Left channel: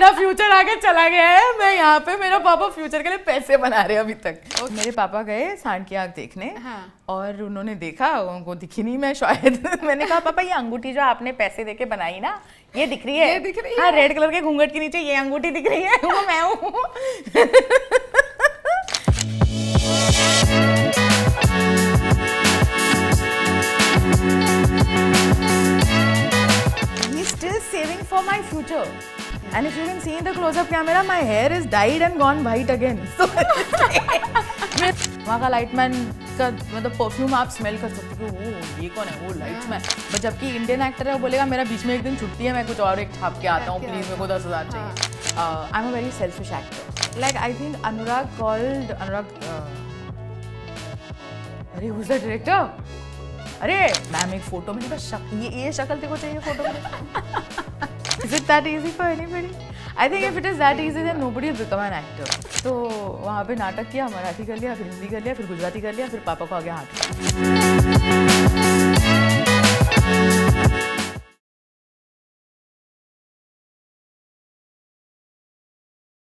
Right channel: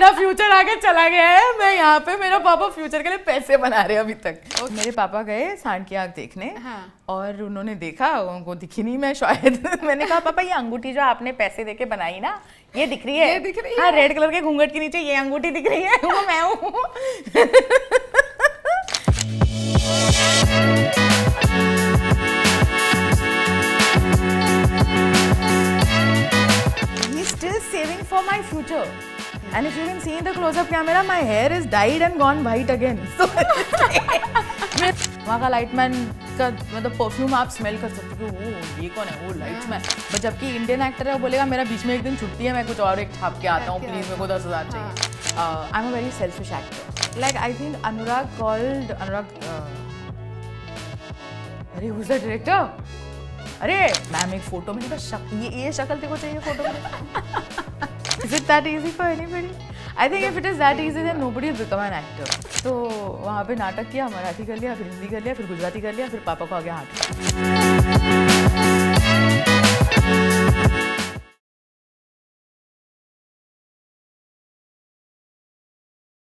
मेरा फ्यूचर आगे चला गया है, मैं यहाँ पे, मेरा पापा फ्यूचर के लिए पैसे बना रहे हैं अभी तक। मेरे पापा गए सांड की आँख देखने। हाँ। और उन्होंने देखा, उनको दिखी नहीं मैं शायद मैंने कहा पापा ये अंगूठी जो आपने पैसे देके बनाई ना, ये दिख रही है? ये दिख रही है? हाँ, रेड कलर के घूंघट के नीचे ये अंगूठी दिख रही है, वो मैं हूँ। He's still saving for my future. And if you can see in the close-up camera, my hair is dyed and gone white again. So वहाँ का लाइटमैन का मतलब परफ्यूम आप स्मेल कर सकते हो, वो ये कौन है, वो लाइट्समैन। बट जबकि इंडियन एक्टर है, वो बोलेगा मेरा बीच में एक दिन छुट्टी है, मैं कुछ और एक छाप के आता हूँ, प्लीज मेरे को 10,000 चाहिए। I am a very selfish actor. Like I think Anurag अरे हु इज द डायरेक्टर? अरे मैम एक फोटो में ये शक्ल तेरे को चाहिए फोटो में? Is it that easy for anybody? I think if it is that easy, then nobody will become an actor. तो वहाँ पे नाटक किया, मराठी कर लिया, फिर हिंदी कर लिया, फिर गुजराती कर लिया, फिर पापा को आगे हाथ।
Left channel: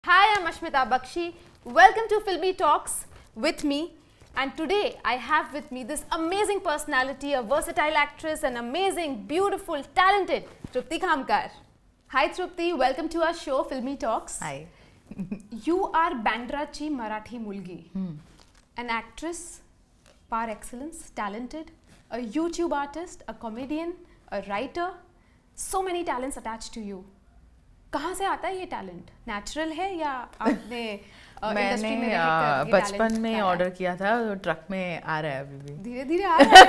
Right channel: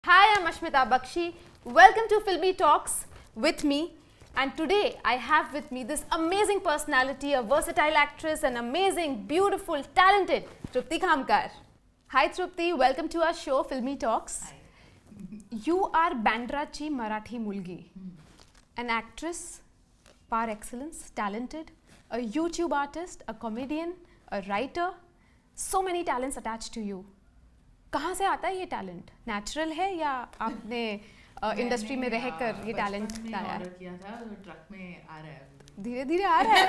Hi, I'm Ashmita Bakshi. Welcome to Filmy Talks with me. And today I have with me this amazing personality, a versatile actress, an amazing, beautiful, talented Trupti Khamkar. Hi Trupti, welcome to our show Filmy Talks. Hi. You are Bandrachi Marathi Mulgi, an actress par excellence, talented, a YouTube artist, a comedian, a writer, so many talents attached to you. कहाँ से आता है ये talent? Natural है या आपने industry में रहकर ये टैलेंट बचपन में ऑर्डर किया था, तो ट्रक में आ रहा है अभी भी, धीरे धीरे आ रहा है।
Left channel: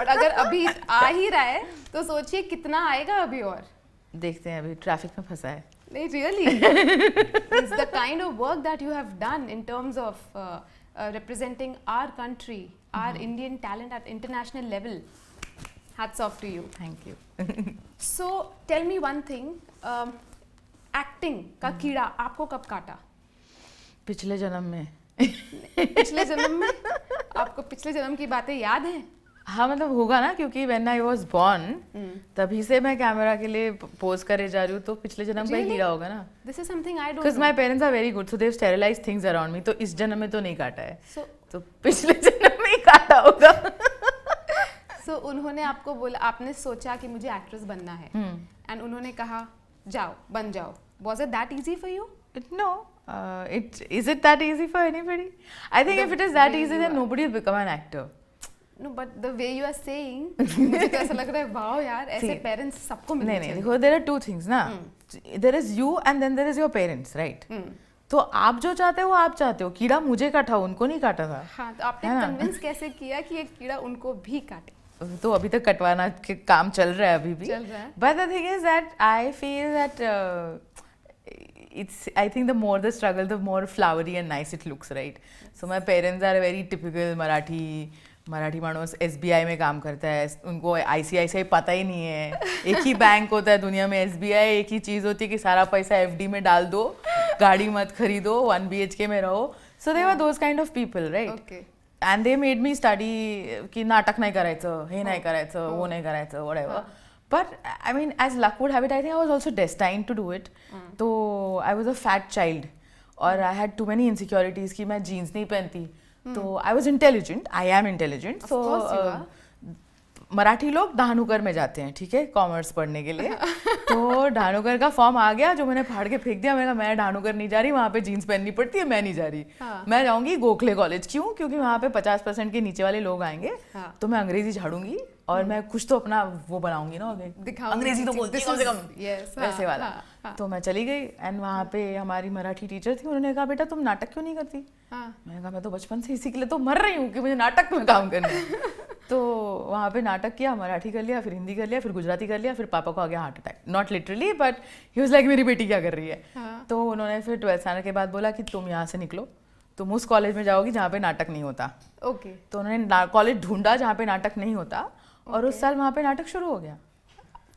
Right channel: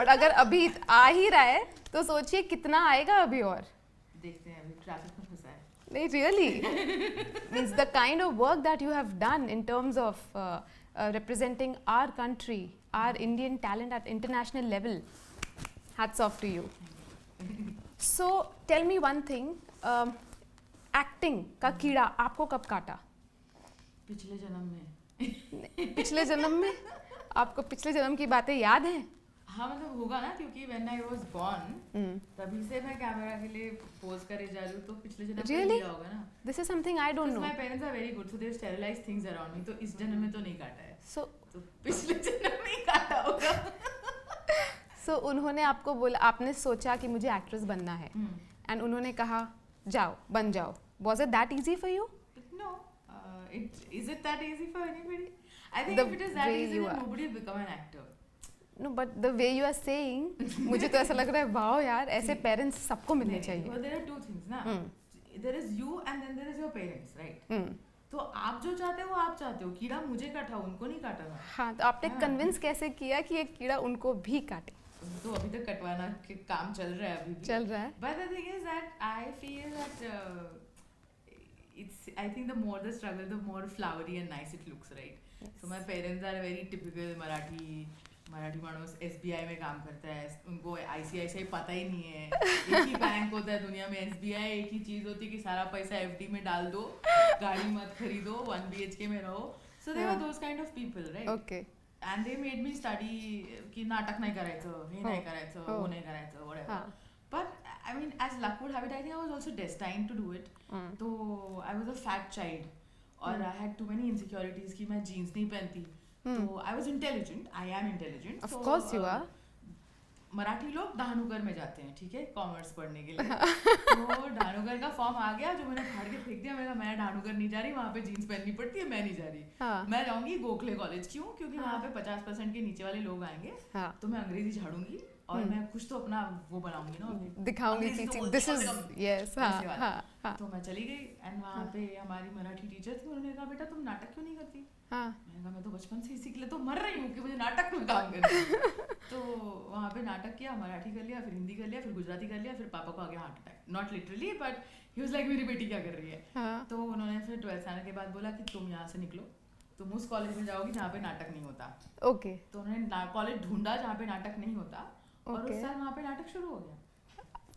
बट अगर अभी आ ही रहा है तो सोचिए कितना आएगा अभी और। देखते हैं, अभी ट्रैफिक में फंसा है। नहीं, really it's the kind of work that you have done in terms of representing our country, our Indian talent at international level. Hats off to you. Thank you. So tell me one thing, acting का कीड़ा आपको कब काटा? पिछले जन्म में। पिछले जन्म में? आपको पिछले जन्म की बातें याद हैं? हाँ मतलब होगा ना, क्योंकि when I was born तभी से मैं कैमरा के लिए पोज करे जा रही हूँ, तो पिछले जन्म का कीड़ा होगा ना। This is something I don't Because know. my parents are very good, so they've sterilized things around me. तो इस जन्म में तो नहीं काटा है, So पिछले जन्म में ही काटा होगा। so उन्होंने आपको बोला, आपने सोचा कि मुझे एक्ट्रेस बनना है, एंड उन्होंने कहा जाओ बन जाओ। Was it that easy for you? No. Is it that easy for anybody? I think if it is that easy, then nobody will become an actor. No, but the way you are saying, मुझे तो ऐसा लग रहा है wow यार, ऐसे parents सबको मिलने चाहिए। नहीं, there are two things ना। There is you and then there is your parents, right? तो आप जो चाहते हो वो आप चाहते हो, कीड़ा मुझे काटा, उनको नहीं काटा था। हाँ, तो आपने कन्विंस कैसे किया कि ये कीड़ा उनको भी काटे? तो अभी तक कटवाना के काम चल रहा है, अभी भी चल रहा है। But the thing is that I feel that I think the more the struggle, the more flowery and nice it looks, right? So my parents are very typical Marathi मानुस SBI में काम करता है, उनको ICICI पता ही नहीं है। एक ही बैंक होता है दुनिया में, SBI एक ही चीज़ होती है कि सारा पैसा FD में डाल दो, गाड़ी मत खरीदो, 1 BHK में रहो। So they were those kind of people, right? Okay. And they made me study कि नाटक नहीं करायचं, हे नहीं करायचं, वो नहीं करायचं, whatever. But I mean, as luck would have it, I think I was also destined to do it. तो I was a fat child और I had too many insecurities कि मैं jeans नहीं पहनती। तो I was intelligent, I am intelligent. Of course you are. Marathi लोग धानुकर में जाते हैं, ठीक है, कॉमर्स पढ़ने के लिए। तो धानुकर का फॉर्म आ गया, जो मैंने फाड़ के फेंक दिया। मैंने कहा मैं धानुकर नहीं जा रही, वहाँ पे जीन्स पहननी पड़ती है, मैं नहीं जा रही। मैं जाऊंगी गोखले कॉलेज। क्यों? क्योंकि वहाँ पे 50% के नीचे वाले लोग आएंगे, तो मैं अंग्रेजी झाड़ूंगी और मैं कुछ तो अपना वो बनाऊंगी ना, अंग्रेजी तो बोलती है वैसे वाला। तो मैं चली गई एंड वहाँ पे हमारी मराठी टीचर थी, उन्होंने कहा बेटा तुम नाटक क्यों नहीं करती? मैंने कहा मैं तो बचपन से इसी के लिए तो मर रही हूँ कि मुझे नाटक में काम करना है। तो वहाँ पे नाटक किया, मराठी कर लिया, फिर हिंदी कर लिया, फिर गुजराती कर लिया, फिर पापा को आ गया heart attack. Not literally but he was like मेरी बेटी क्या कर रही है। तो उन्होंने फिर 12th आने के बाद बोला कि तुम यहाँ से निकलो, तुम उस कॉलेज में जाओगी जहाँ पे नाटक नहीं होता। ओके। तो उन्होंने कॉलेज ढूंढा जहाँ पे नाटक नहीं होता, और उस साल वहाँ पे नाटक शुरू हो गया।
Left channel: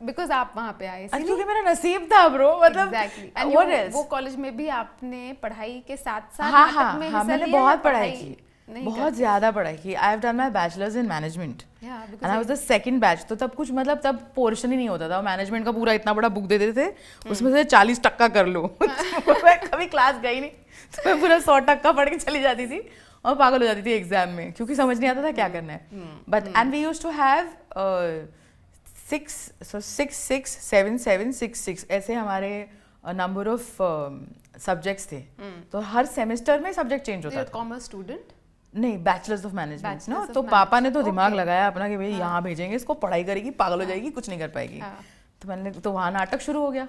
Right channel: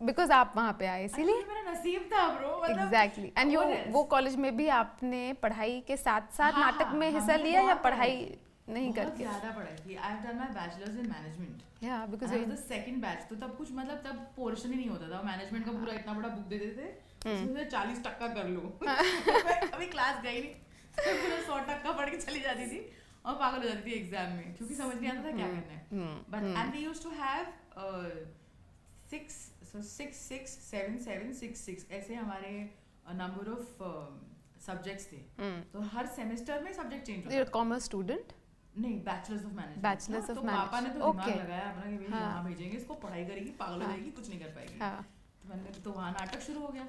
बिकॉज आप वहाँ पे आए, इसलिए मेरा नसीब था ब्रो, मतलब एग्जैक्टली। एंड वो कॉलेज में भी आपने पढ़ाई के साथ साथ नाटक में हिस्सा लिया? बहुत पढ़ाई की। नहीं बहुत ज्यादा पढ़ाई की। I have done my bachelors in management and I was the second batch. तो तब कुछ मतलब तब पोर्शन ही नहीं होता था, मैनेजमेंट का पूरा इतना बड़ा बुक दे देते थे, उसमें से 40% कर लो। मैं कभी क्लास गई नहीं, तो मैं पूरा 100% पढ़ के चली जाती थी और पागल हो जाती थी एग्जाम में, क्योंकि समझ नहीं आता था क्या करना है। But and we used to have 6 6 7 7 6 6 ऐसे हमारे नंबर ऑफ सब्जेक्ट्स थे। तो हर सेमेस्टर में सब्जेक्ट चेंज होता था। कॉमर्स स्टूडेंट नहीं, बैचलर्स ऑफ मैनेजमेंट ना। of तो पापा ने तो management, दिमाग okay. लगाया अपना कि भाई यहाँ भेजेंगे इसको, पढ़ाई करेगी, पागल हो जाएगी, कुछ नहीं कर पाएगी। तो मैंने तो वहाँ नाटक शुरू हो गया।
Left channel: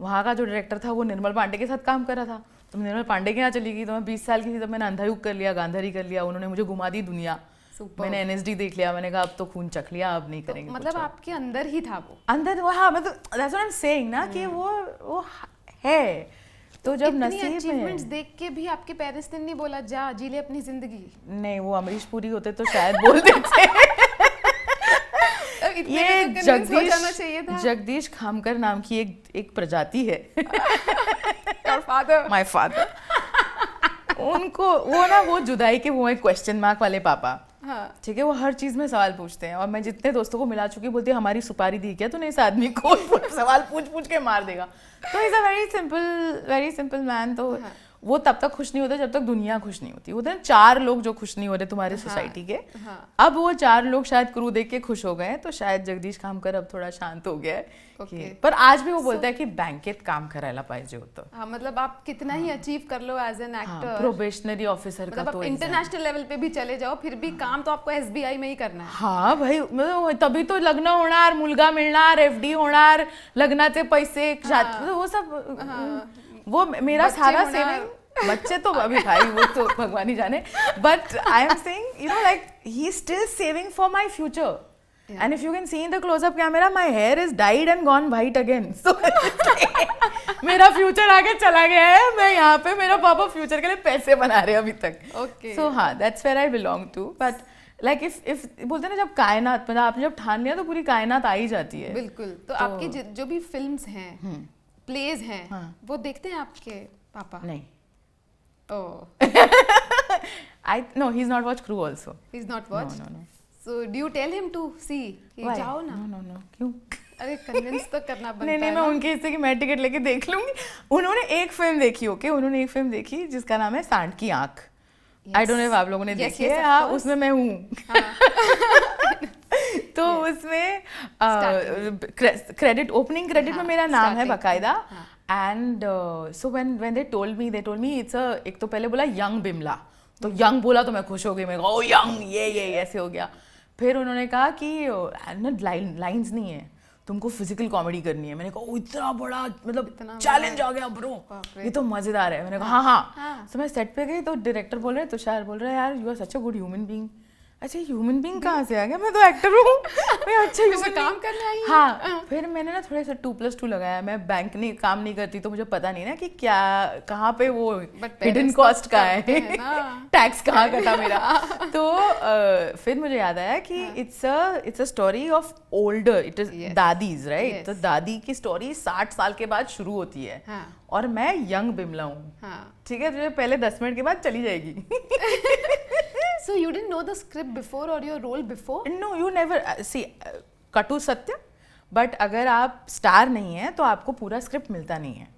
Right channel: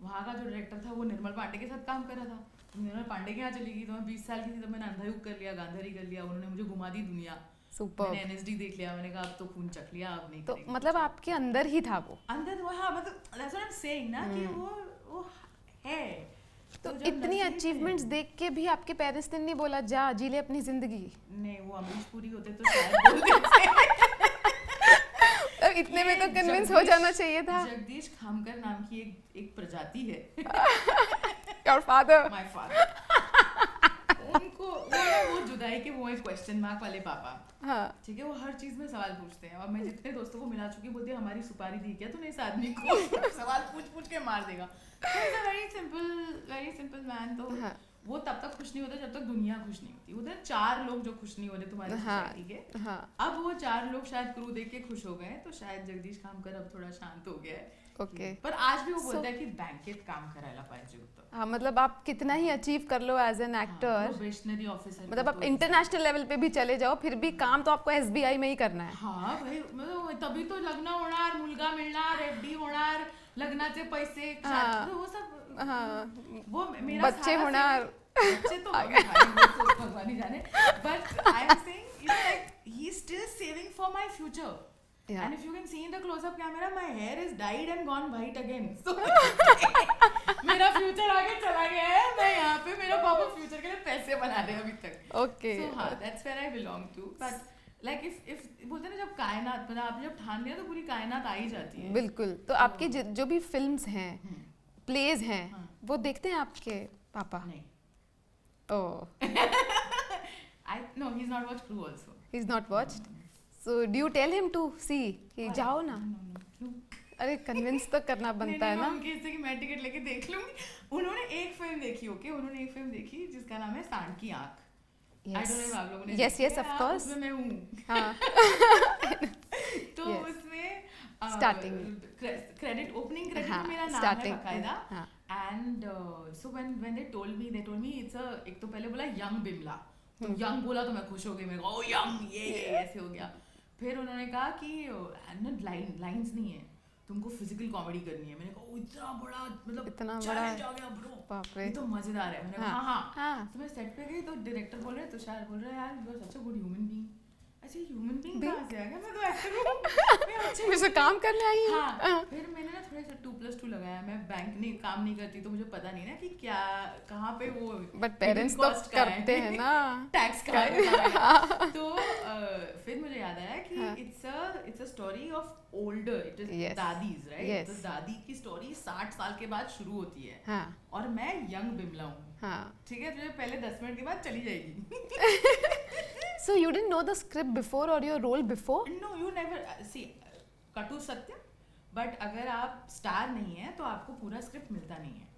वहाँ का जो डायरेक्टर था वो निर्मल पांडे के साथ काम कर रहा था, तो निर्मल पांडे के यहाँ चली गई। तो मैं 20 साल की थी तब मैंने अंधायुग कर लिया, गांधारी कर लिया, उन्होंने मुझे घुमा दी दुनिया। मैंने एनएसडी देख लिया, मैंने कहा अब तो खून चख लिया, अब नहीं करेंगे। मतलब आपके अंदर ही था वो, अंदर वो, हाँ मतलब that's what I am saying ना कि वो है। तो जब इतनी अचीवमेंट्स देख के भी आपके पेरेंट्स ने नहीं बोला जा जी ले अपनी जिंदगी? नहीं, वो अमरीश पुरी होते तो शायद बोल देते। इतने में तो कन्विंस हो जाना चाहिए था। जगदीश खामकर नाम की एक प्रजाति है। Your father, my father. उनको वो जुदाई के वो एक क्वेश्चन मार्क वाले पापा। हाँ, ठीक है, वो हर चीज में सवाल पूछते हैं। और मैं जितने दोस्तों को मिला चुकी बोलती है हमारी सुपारी दी क्या तूने इस आदमी को? सवाल पूछ के मार देगा। तो is a very simple man. तो वो तब तक खुश नहीं होता जब तक दुनिया खुश नहीं होती। होते हैं 4 लोग जो खुश नहीं हो रहे तुम्हारे सोसाइटी के। अब वो 4 लोग शायद क्रू देख के खुश हो गए, तो शायद जगदीश खामकर अब थोड़ा शांत हो गया है। पर आज भी वो बोलता है की बँकेत काम करायला पाहिजे होतं। हाँ, मतलब आप कितना ही अचीव कर लो as an actor, probationary officer, मतलब आप इंटरनेशनल लेवल पे भी चले जाओ, फिर भी काम तो आपको एसबीआई में ही करना है। हाँ भाई, तभी तो लग्न होणार, मुलगा मिळणार, एफडी होणार, लग्नाचे पैसे, वो सब वो मेरा सारा बच्चे तो अभी भाई वो तो भगवान ही जाने। But I am saying you know like he is still saving for my future. And if you can see in the close-up camera, my hair is dyed and gone white again. So मेरा future आगे चला गया है। मैं यहाँ पे, मेरा पापा फ्यूचर के लिए पैसे बना रहे हैं अभी तक। Okay. So हाँ, that's where I belong to. But like if बोलते हैं ना, जब कायनात, मतलब आपने जब ठान लिया तो पूरी कायनात आ ही जाती है। बिल्कुल। तो आपकी जो भी फिल्म्स हैं, प्लेज हैं, वो देखते हैं आपके पापा? नहीं। Oh. No, he's not watched Crew also. He's not watched? No. So do you tell him to see? कि जाओ ना। No. क्यों? अरे कन्विंस तो करना बनता है ना। मैं उनके हिस्से की मैं टिकट लेके देख लूंगी। उन्होंने एक फिल्म देखी, ओके, उन्होंने एक फिल्म देखी जिसका नाम है सांड की आंख। आई डोंट नो आप लोगों ने देखी है? हाँ, उसमें मैं हूँ। तो उसमें क्रेडिट, ओपनिंग क्रेडिट में मेरा नाम है बकायदा। And so when they told me it's एक तो पहले बोला यंग बिमला, तो यंग बोला तो मैं खुश हो गई। मैं ओ यंग, ये ऐसे हो गया। फिर उन्होंने कहा कि लाइंस नहीं है, तुमको फिजिकल कॉमेडी करनी है। मैंने कहा इतना बड़ा, मतलब चैलेंज आ गया ब्रो, ये तो मजेदार है। मैंने कहा हाँ। तो मैं सेट पे गई तो डायरेक्टर बोल रहे, तुषार बोल रहे यार you are such a good human being. अच्छा, ह्यूमन बीइंग कहाँ से आ गया? मैं तो एक्टर हूँ। मैं अच्छा फिर काम करने आई। हाँ, फिर मैंने ना थोड़ा सा 2+2 लगाया। मैं बैंक नहीं काम नहीं करती तो मुझे पता नहीं ना कि क्या कहाँ पे वो हिडन कॉस्ट का है, टैक्स कहाँ का था मेरा। तो फिर मुझे याद आया कि it's a story of older, it is दादीज, राइट? तो दादी की स्टोरी 60 साल के बाद शुरू होती है और मैं यंग बिमला हूँ। ठीक है, तुझे पहले 10 मिनट के बाद चली जाएगी। So you didn't know the script before or your role before? No, you never see, कटु सत्य, बट अगर आप स्टार नहीं हैं तो आपको पूरा स्क्रिप्ट मिलता नहीं है।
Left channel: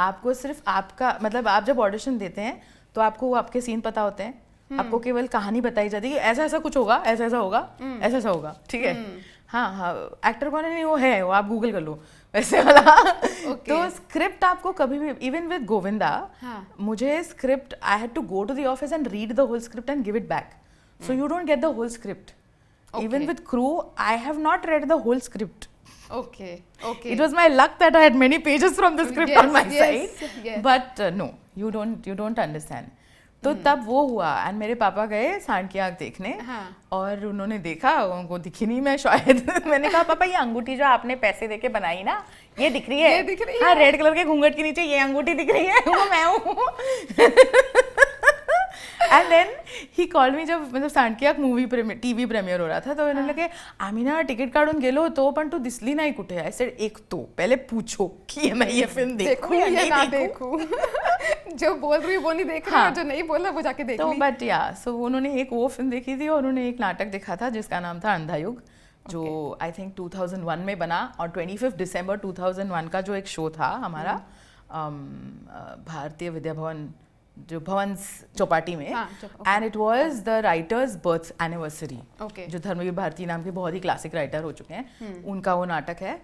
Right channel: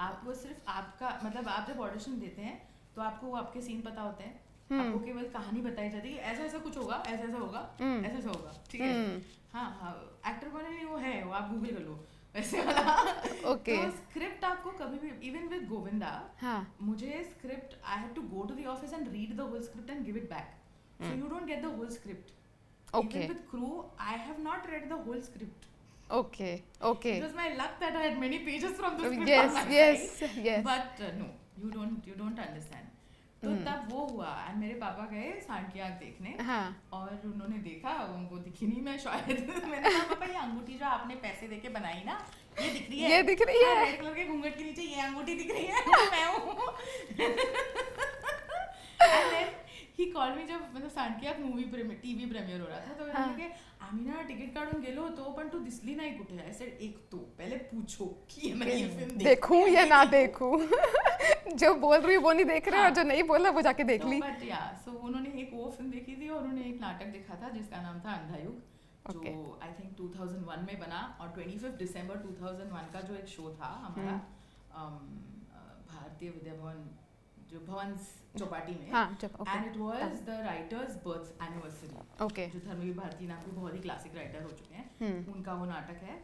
आपको सिर्फ आपका, मतलब आप जब ऑडिशन देते हैं तो आपको आपके सीन पता होते हैं। आपको केवल कहानी बताई जाती है कि ऐसा ऐसा कुछ होगा, ऐसा ऐसा होगा, ऐसा ऐसा होगा। ठीक है, हाँ, एक्टर कौन है नहीं वो है, वो आप गूगल कर लो वैसे वाला। तो स्क्रिप्ट आपको कभी भी, इवन विद गोविंदा, मुझे script I had to go to the office and read the whole script and give it back, so you don't get the whole script. Even with crew I have not read the whole script. Okay. It was my luck that I had many pages from the script on my side. But no, you don't understand. तो तब वो हुआ and मेरे पापा गए सांड की आँख देखने। और उन्होंने देखा, उनको दिखी नहीं मैं शायद। मैंने कहा पापा ये अंगूठी जो आपने पैसे देके बनाई ना, ये दिख रही है? ये दिख रही है। रेड कलर के घूंघट के नीचे ये अंगूठी दिख रही है? वो मैं हूँ। And then he called me, जब मतलब सांड की आँख मूवी टीव्ही प्रीमियर हो रहा था, तो उन्होंने कहा आम्ही ना तिकीट काढून गेलो होतो पण तू दिसली नाही कुठे। I said एक तो पहले पूछो कि मैं ये फिल्म देखूं या ना देखूं। जो बोल रही है वो नहीं देख रहा, और जो नहीं बोल रहा वो जाके देख तो ली। बट या सो उन्होंने एक वो फिल्म देखी थी और उन्होंने एक नाटक देखा था जिसका नाम था अंधा युग, जो आई थिंक 2001 में बना, और 25 दिसंबर 2001 का जो एक शो था हमारा भारतीय विद्या भवन जो भवन चौपाटी में, and it was the writers birth anniversary, जो धर्मवीर भारती नाम के बहुत ही क्लासिक राइटर हो चुके हैं, उनका वो नाटक है।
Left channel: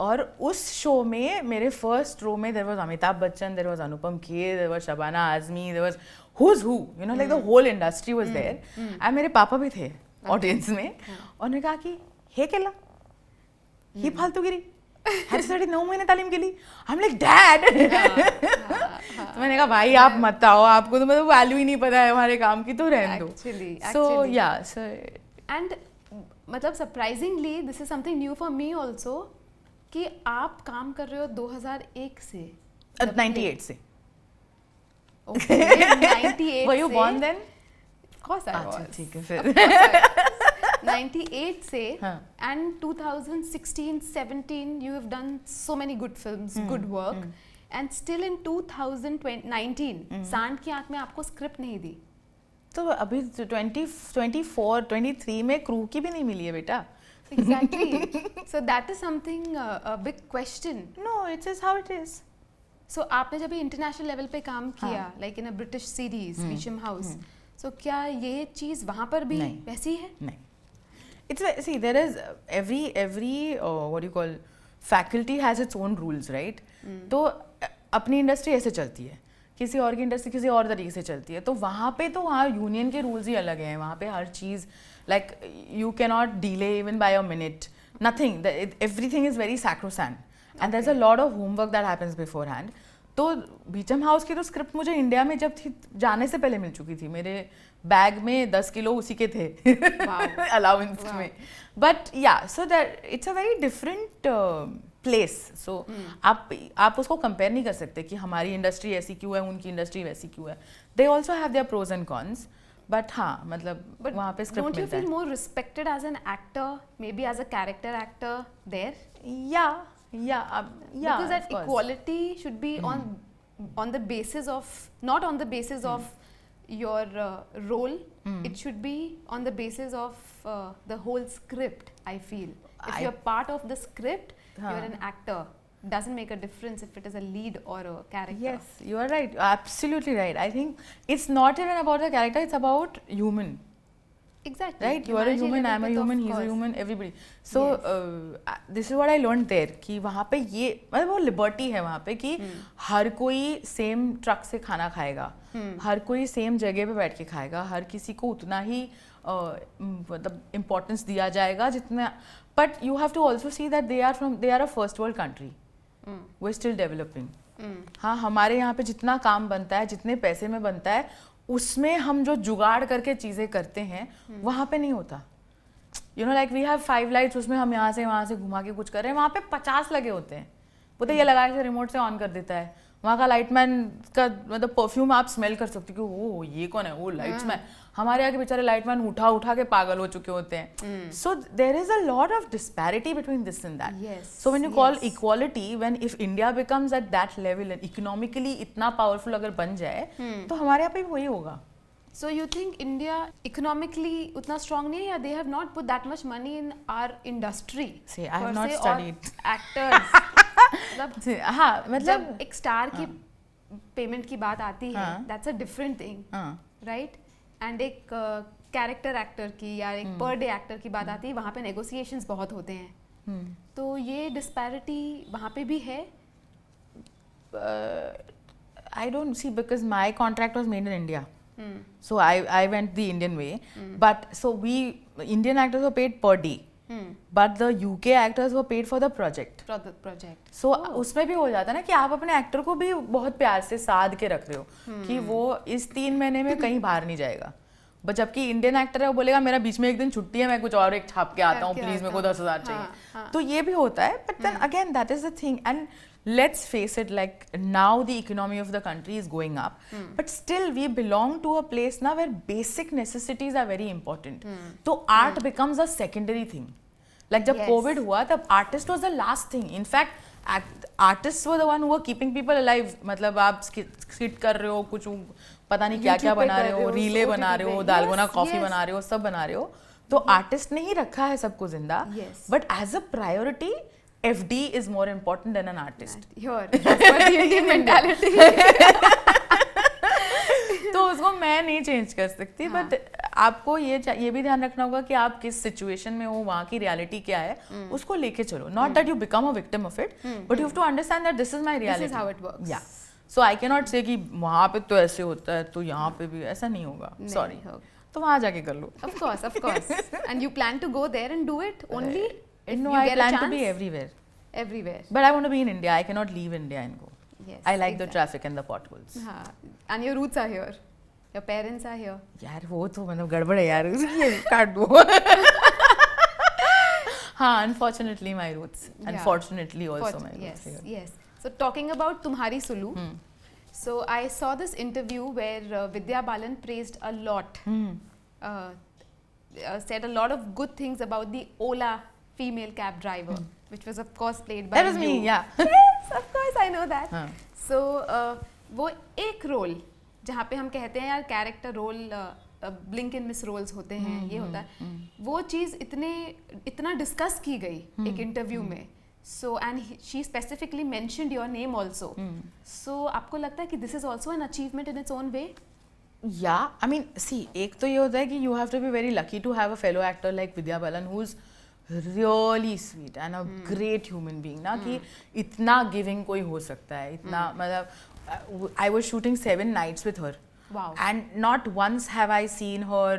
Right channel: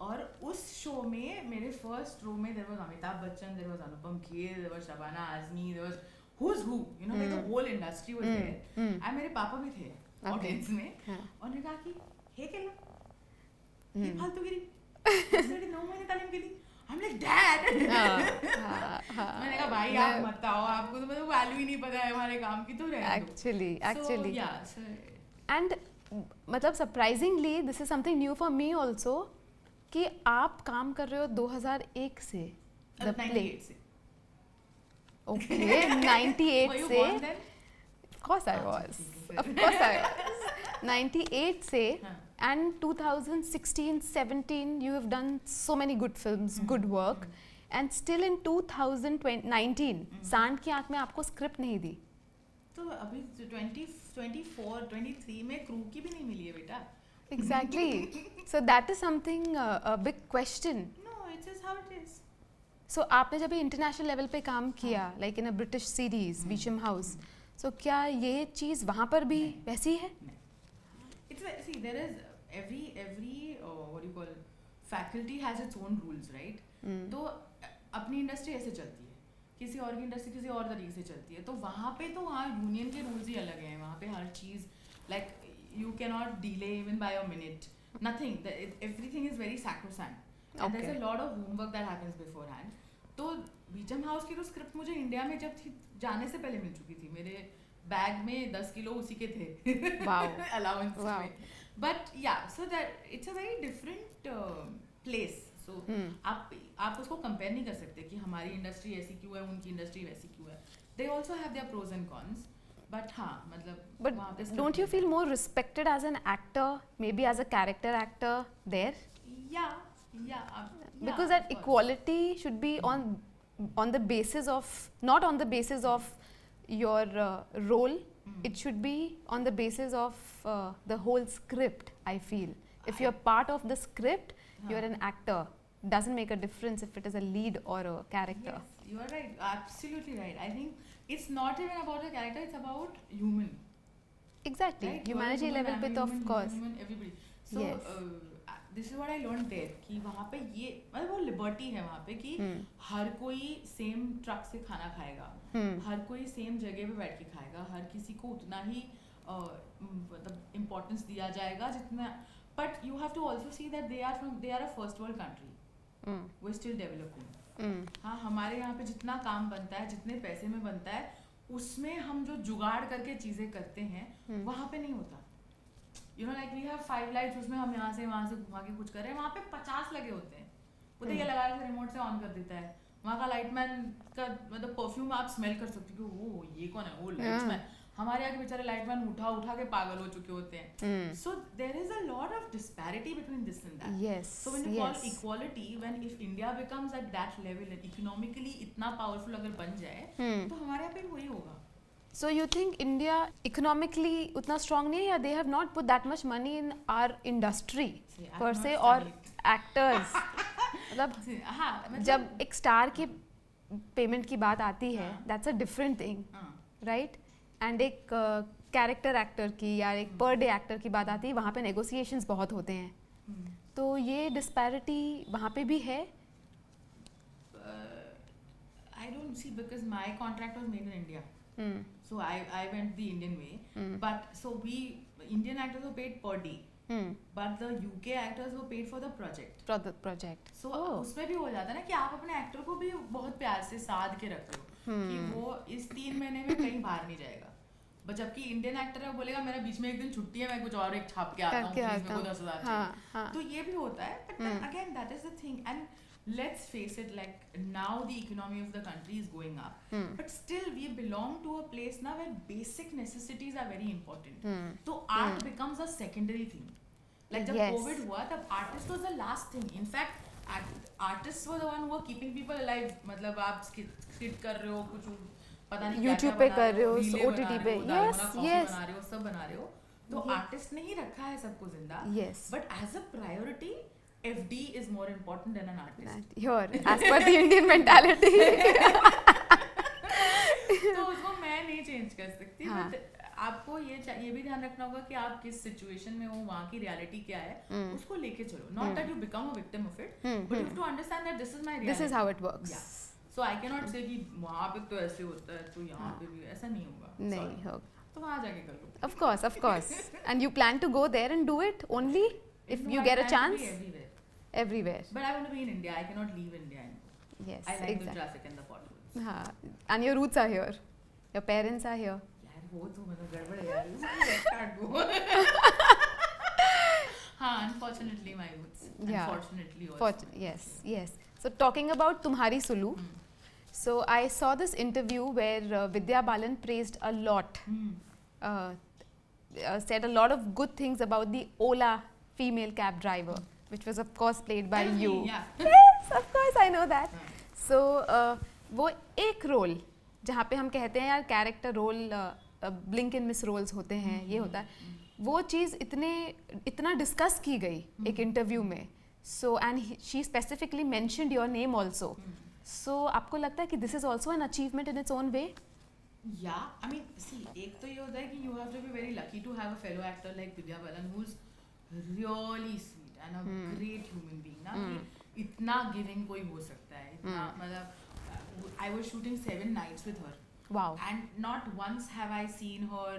और उस शो में मेरे फर्स्ट रो में there was Amitabh Bachchan, there was Anupam Kher, there was Shabana Azmi, there was who's who, you know, like the whole industry was there, and मेरे पापा भी थे ऑडियंस में, और उन्होंने कहा कि हे केला ही फालतूगिरी साढ़े 9 महीने तालीम के लिए, I'm like डैड। मैंने कहा भाई आप मत आओ, आपको तो मतलब वैल्यू ही नहीं पता है हमारे काम की, तो रहने दो। Actually, and मतलब surprisingly this is something new for me also, कि आप काम कर रहे हो 2001 से 98 से। Okay, 98 Were you से। born then? Of course I was. ठीक है Of फिर। course I was. 98 से हाँ. and 2016, 17 you have done so many good films, good work, and still in 2019 सांड की आंख में आपको स्क्रिप्ट नहीं दी। तो अभी 24, 23 में क्रू की भी नहीं मिली है बेटा। Exactly. So that is something a big question. No, it's just how it is. So आपने जब इंटरनेशनल लेवल पे काम किया, like in a British series, Beecham House, so क्या ये चीज वहाँ पर भी वैसी है? नहीं। It's see, there is every what do you call, faculty has its own rules, right? तो अपनी इंडस्ट्री ऐसे चलती है, किसी और की इंडस्ट्री किसी और तरीके से चलती है, तो वहाँ पे तो वहाँ यूनियन के रूल्स ही अलग हैं, वहाँ पे हर चीज़ like you cannot delay even by a minute, nothing, everything is very sacrosanct, and there's a lot of homework that happens beforehand. तो बीचम हाउस की तो स्क्रिप्ट मुझे इंडिया में जब थी जाने से पहले मिल चुकी थी, मेरे बैग में 10 किलो उसी के थे अलाउंस में, बट या so that it's a very different place. So आप उसको कंपेयर नहीं कर सकते कि हमारी इंडस्ट्री ऐसी क्यों है, उनकी इंडस्ट्री वैसी क्यों है। They also have their pros and cons, but हाँ मतलब वहाँ पे don't you feel more respected as an actor, maybe as a character actor there? Yeah, because that equality should be on the basis of, not on the basis of your role, it should be on the basis of the whole script. I feel if you're part of the script, you're an actor. Doesn't make a difference if it is a lead or a character. Yes, you are right, absolutely right. I think it's not even about the character, it's about human. Exactly. Right? You are a human, I'm a human, he's a human, everybody. So this is what I learned there, कि वहाँ पे ये मतलब वो liberty है वहाँ पे कि हर कोई सेम ट्रक से खाना खाएगा, हर कोई सेम जगह पे बैठ के खाएगा, हर किसी को उतना ही मतलब इम्पोर्टेंस दिया जाएगा जितना, but you have to also see that they are a first world country, we are still developing. हाँ, हमारे यहाँ पे जितना काम बनता है, जितने पैसे में बनता है, उसमें हम जो जुगाड़ करके चीज़ें करते हैं वहाँ पे नहीं होता। You know like we have 5 lights, उसमें हम यहाँ से वहाँ से घुमा के कुछ कर रहे हैं, वहाँ पे 50 लगे होते हैं, वो तो ये लगा के रिमोट से ऑन कर देता है। वहाँ का लाइटमैन का मतलब परफ्यूम आप स्मेल कर सकते हो कि ओ ये कौन है, वो लाइट्समैन। हमारे यहाँ के बेचारे लाइटमैन उठा के पागल हो चुके होते हैं। So there is a lot of disparity between this and that. So when you call equality, when if India becomes at that level, economically इतना पावरफुल अगर बन जाए तो हमारे यहाँ पे वही होगा। So you think India economically उतना strong नहीं है, या they have not put that much money in our industry per se, or actors? मतलब हाँ, मतलब जब एक स्टार की पेमेंट की बात आती है, that's a different thing, right? And एक कैरेक्टर एक्टर की या एक पर डे एक्टर की बात आती है, वहाँ पे negotiations बहुत होते हैं, तो ये disparity वहाँ पे भी है? I don't see, because my contract was made in India. So I went the Indian way, but so Indian actors were paid per day, but the UK actors were paid for the project. So उसमें भी हो जाता है ना कि आप अपने actor को भी बहुत प्यार से साध के रख रहे हो कि वो इस 3 महीने में कहीं बाहर नहीं जाएगा, बट जबकि इंडियन एक्टर है वो बोलेगा मेरा बीच में एक दिन छुट्टी है, मैं कुछ और एक छाप के आता हूँ, प्लीज मेरे को 10,000 चाहिए। तो ये भी होता है, but then again that is the thing, and let's face it, like now the economy of the country is going up, but still we belong to a place now where basic necessities are very important. So art becomes a secondary thing. Like जब COVID हुआ तब artist was the last thing. In fact artist were the one who are keeping people alive. मतलब आप skit कर रहे हो, कुछ पता नहीं क्या क्या बना रहे हो, रीले बना रहे हो, दालगोना कॉफी बना रहे हो, सब बना रहे हो. तो आर्टिस्ट ने ही रखा है सबको जिंदा. But as a priority FD is more important than an artist. Here, as per the Indian mentality. तो उसको मैं नहीं चेंज कर सकती. बट आपको ये भी ध्यान रखना होगा कि आप किस सिचुएशन में हो, वहाँ की रियलिटी क्या है, उसको लेके चलो. Not that you become a victim of it, but you have to understand that this is my reality, this is how it works. Yeah so I can not से कि वहाँ पे तो ऐसे होता है तो यहाँ पे भी ऐसा नहीं होगा. सॉरी, तो वहाँ जाके कर लो. Of course. And you plan to go there and do it only if you get a chance? I plan to be everywhere. But I want to be in India. I cannot leave India and go. Yes, I like the traffic and the potholes. And your roots are here. Your parents are here. यार वो तो मतलब गड़बड़ है यार. काट दो. हाँ, unfortunately my roots. Unfortunately also my roots. Yes. So talking about Tumhari Sulu. So I saw this interview where Vidya Balan praised a lot. Said a lot of good things about the Ola female cab driver. Which was of course played by you. That was me, yeah. Yes, of course I know that. So वो एक role जहाँ पे हम कहते हैं यार character role blink इन miss roles होते हैं, ये होता है, वो चीज़ इतना डिस्कस की गई एक इंटरव्यू में. So and she specifically mentioned your name also. So आपको लगता है कि this is also an achievement in its own way? या आई मीन सी, एक तो ये होता है कि you have to be very lucky to have a fellow actor like Vidya Balan who is really sweet and a great human being ना, कि इतना giving कोई हो सकता है, इतना मतलब I was shooting 7 nights with her. Wow. And not once have I seen her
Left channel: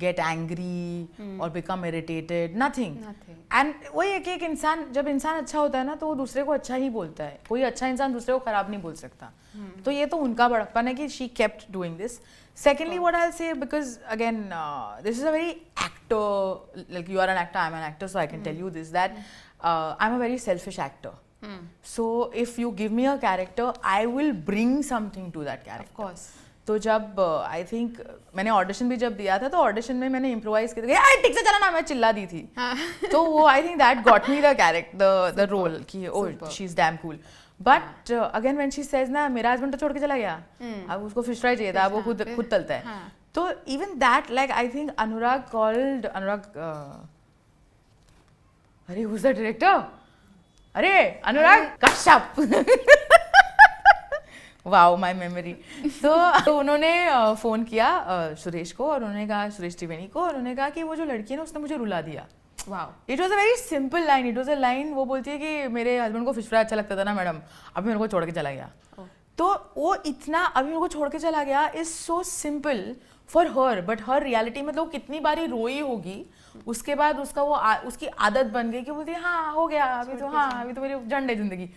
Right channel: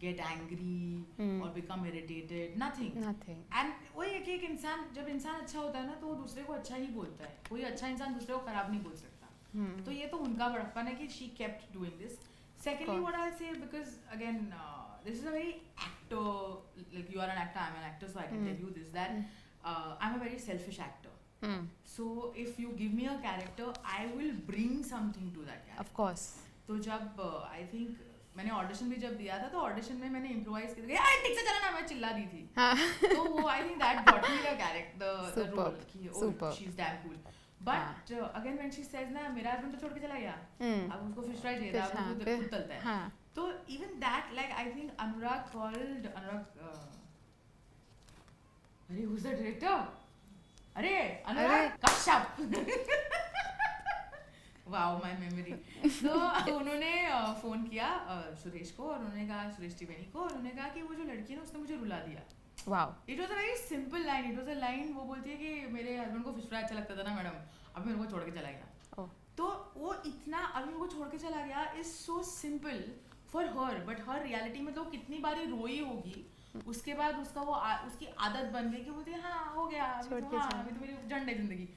get angry or become irritated. Nothing. And वही है कि एक इंसान, जब इंसान अच्छा होता है ना तो वो दूसरे को अच्छा ही बोलता है. कोई अच्छा इंसान दूसरे को खराब नहीं बोल सकता. तो ये तो उनका बड़प्पन है कि she kept doing this. Secondly, what I'll say, because again, this is a very actor, like you are an actor, I'm an actor, so I can tell you this, that I'm a very selfish actor. So if you give me a character, I will bring something to that character. Of course. तो जब I think मैंने audition भी जब दिया था तो audition में मैंने इम्प्रोवाइज किया था, ठीक से चला ना, मैं चिल्ला दी थी. तो वो I think that got me the character, the role कि oh she's damn cool. But again when she says ना मेरा husband तो छोड़ के चला गया, अब उसको फिश फ्राई चाहिए था, अब वो खुद तलता है. तो even that, like I think Anurag called अरे who's the director? अरे Anurag Kashyap. Wow my memory. तो उन्होंने फ़ोन किया सुरेश को, और उन्होंने कहा, सुरेश त्रिवेणी को, और उन्होंने कहा कि वो जो लड़की है ना उसने मुझे रुला दिया. Wow, it was a very simple line. It was a line, वो बोलती है कि मेरे हस्बैंड को फिश फ्राई अच्छा लगता था ना मैडम, अभी मेरे को छोड़ के चला गया. तो वो इतना अभी मेरे को छोड़ के चला गया is so simple for her, but her reality मतलब कितनी बारी रोई होगी, उसके बाद उसका वो उसकी आदत बन गई कि बोलती है हाँ हो गया अभी तो, हाँ अभी तो मेरी झंड है जिंदगी.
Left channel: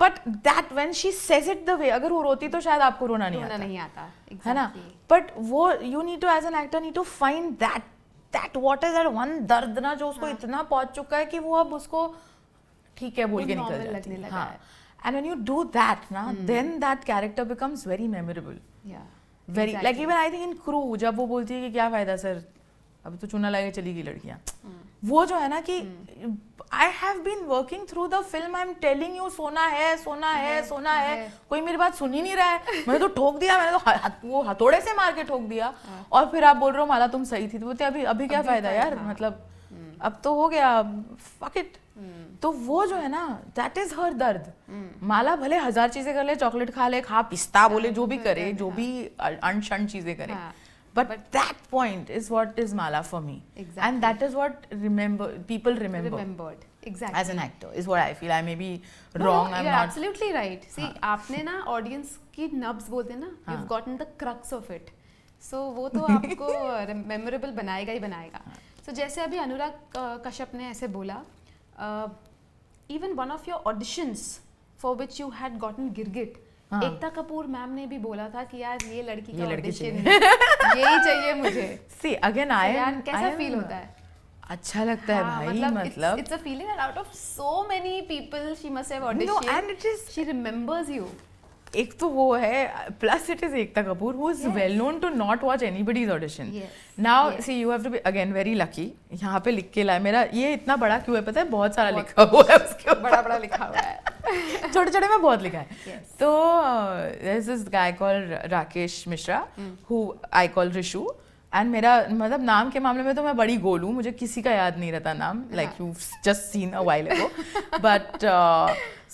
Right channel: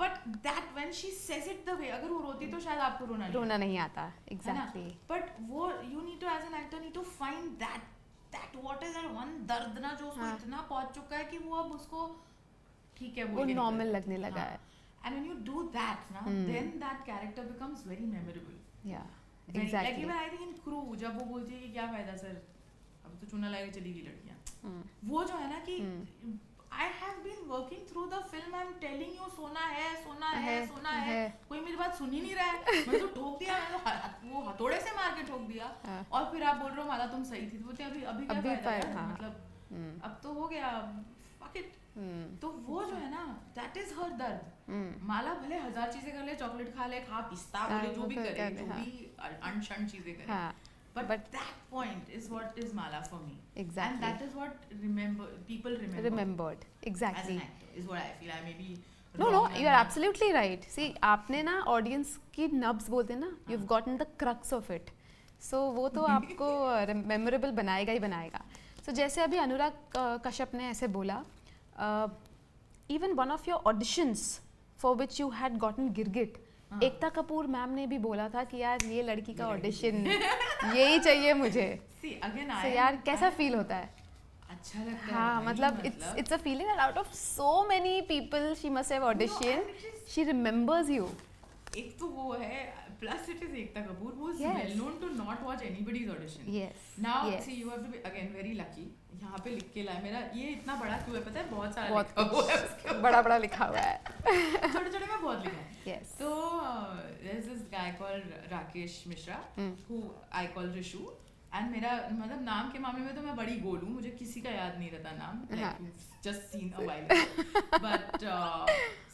But that when she says it the way, अगर वो रोती तो शायद आपको रोना नहीं आता. है ना. बट वो you need to as an actor need to find that what is that one दर्द ना जो उसको इतना पहुंच चुका है कि वो अब उसको ठीक है बोल के नॉर्मल लगने लगा है. And when you do that ना, then that character becomes very memorable. Yeah. Very like even I think in Crew, जब वो बोलती है कि क्या फायदा सर, अभी तो चूना लगा चली गई लड़कियाँ. वो जो है ना कि I have been working through the film, I'm telling you सोना है, कोई मेरी बात सुन ही नहीं रहा है. मैंने तो ठोक दिया, मैंने तो वो हथौड़े से मार के ठोक दिया, और फिर आप बोल रहे हो माला तुम सही थी. तो बोलते अभी क्या फायदा यार, मतलब अब तो हो गया, fuck it. तो वो जो है ना, दैट इज हर दर्द. माला भले 1000 चीजें कर ले, चॉकलेट खा ले, पिस्ता बोले, जो भी करे, जो भी अनशन चीजें करे, but that point is what is Mala for me. Exactly. And that is what people remembered. Exactly. As an actor is what I feel. I may be wrong. No, you're absolutely right. See, आपने ना audience की नब्ज बोलते ना, you've gotten the crux of it. So वो तो आपको memorable बनाएगा ही बनाएगा. So जैसे अभी अनुराग कश्यप ने ऐसे बोला, even one of your auditions for which you had gotten गिरगिट, एकता कपूर मैम ने भी बोला था कि यार ये लड़की का ऑडिशन यही चाहिए मुझे. See again यार कैसा फील होता है? अच्छा लगता है भाई, मतलब it's a feeling that out of so many people she must have auditioned, she remembers you. एक तो वो है, plus it is Ekta Kapoor who is well known to not watch anybody's audition. Now see you have to be again very lucky. यहाँ पे लिख के लाए, मेरा ये इतना बड़ा क्यों है पता है, बहुत सारा लिखा हुआ है उसके, बड़ा लिखा हुआ है. छोटे छोटे में बहुत लिखा है. तो there is this guy called Rakesh Mishra who I call Rishu. And मेरा मतलब नाम के मामले में तो मैं बड़ी गोल हूँ, मुझे किसी का याद नहीं रहता नाम, like you just seen a while ago. But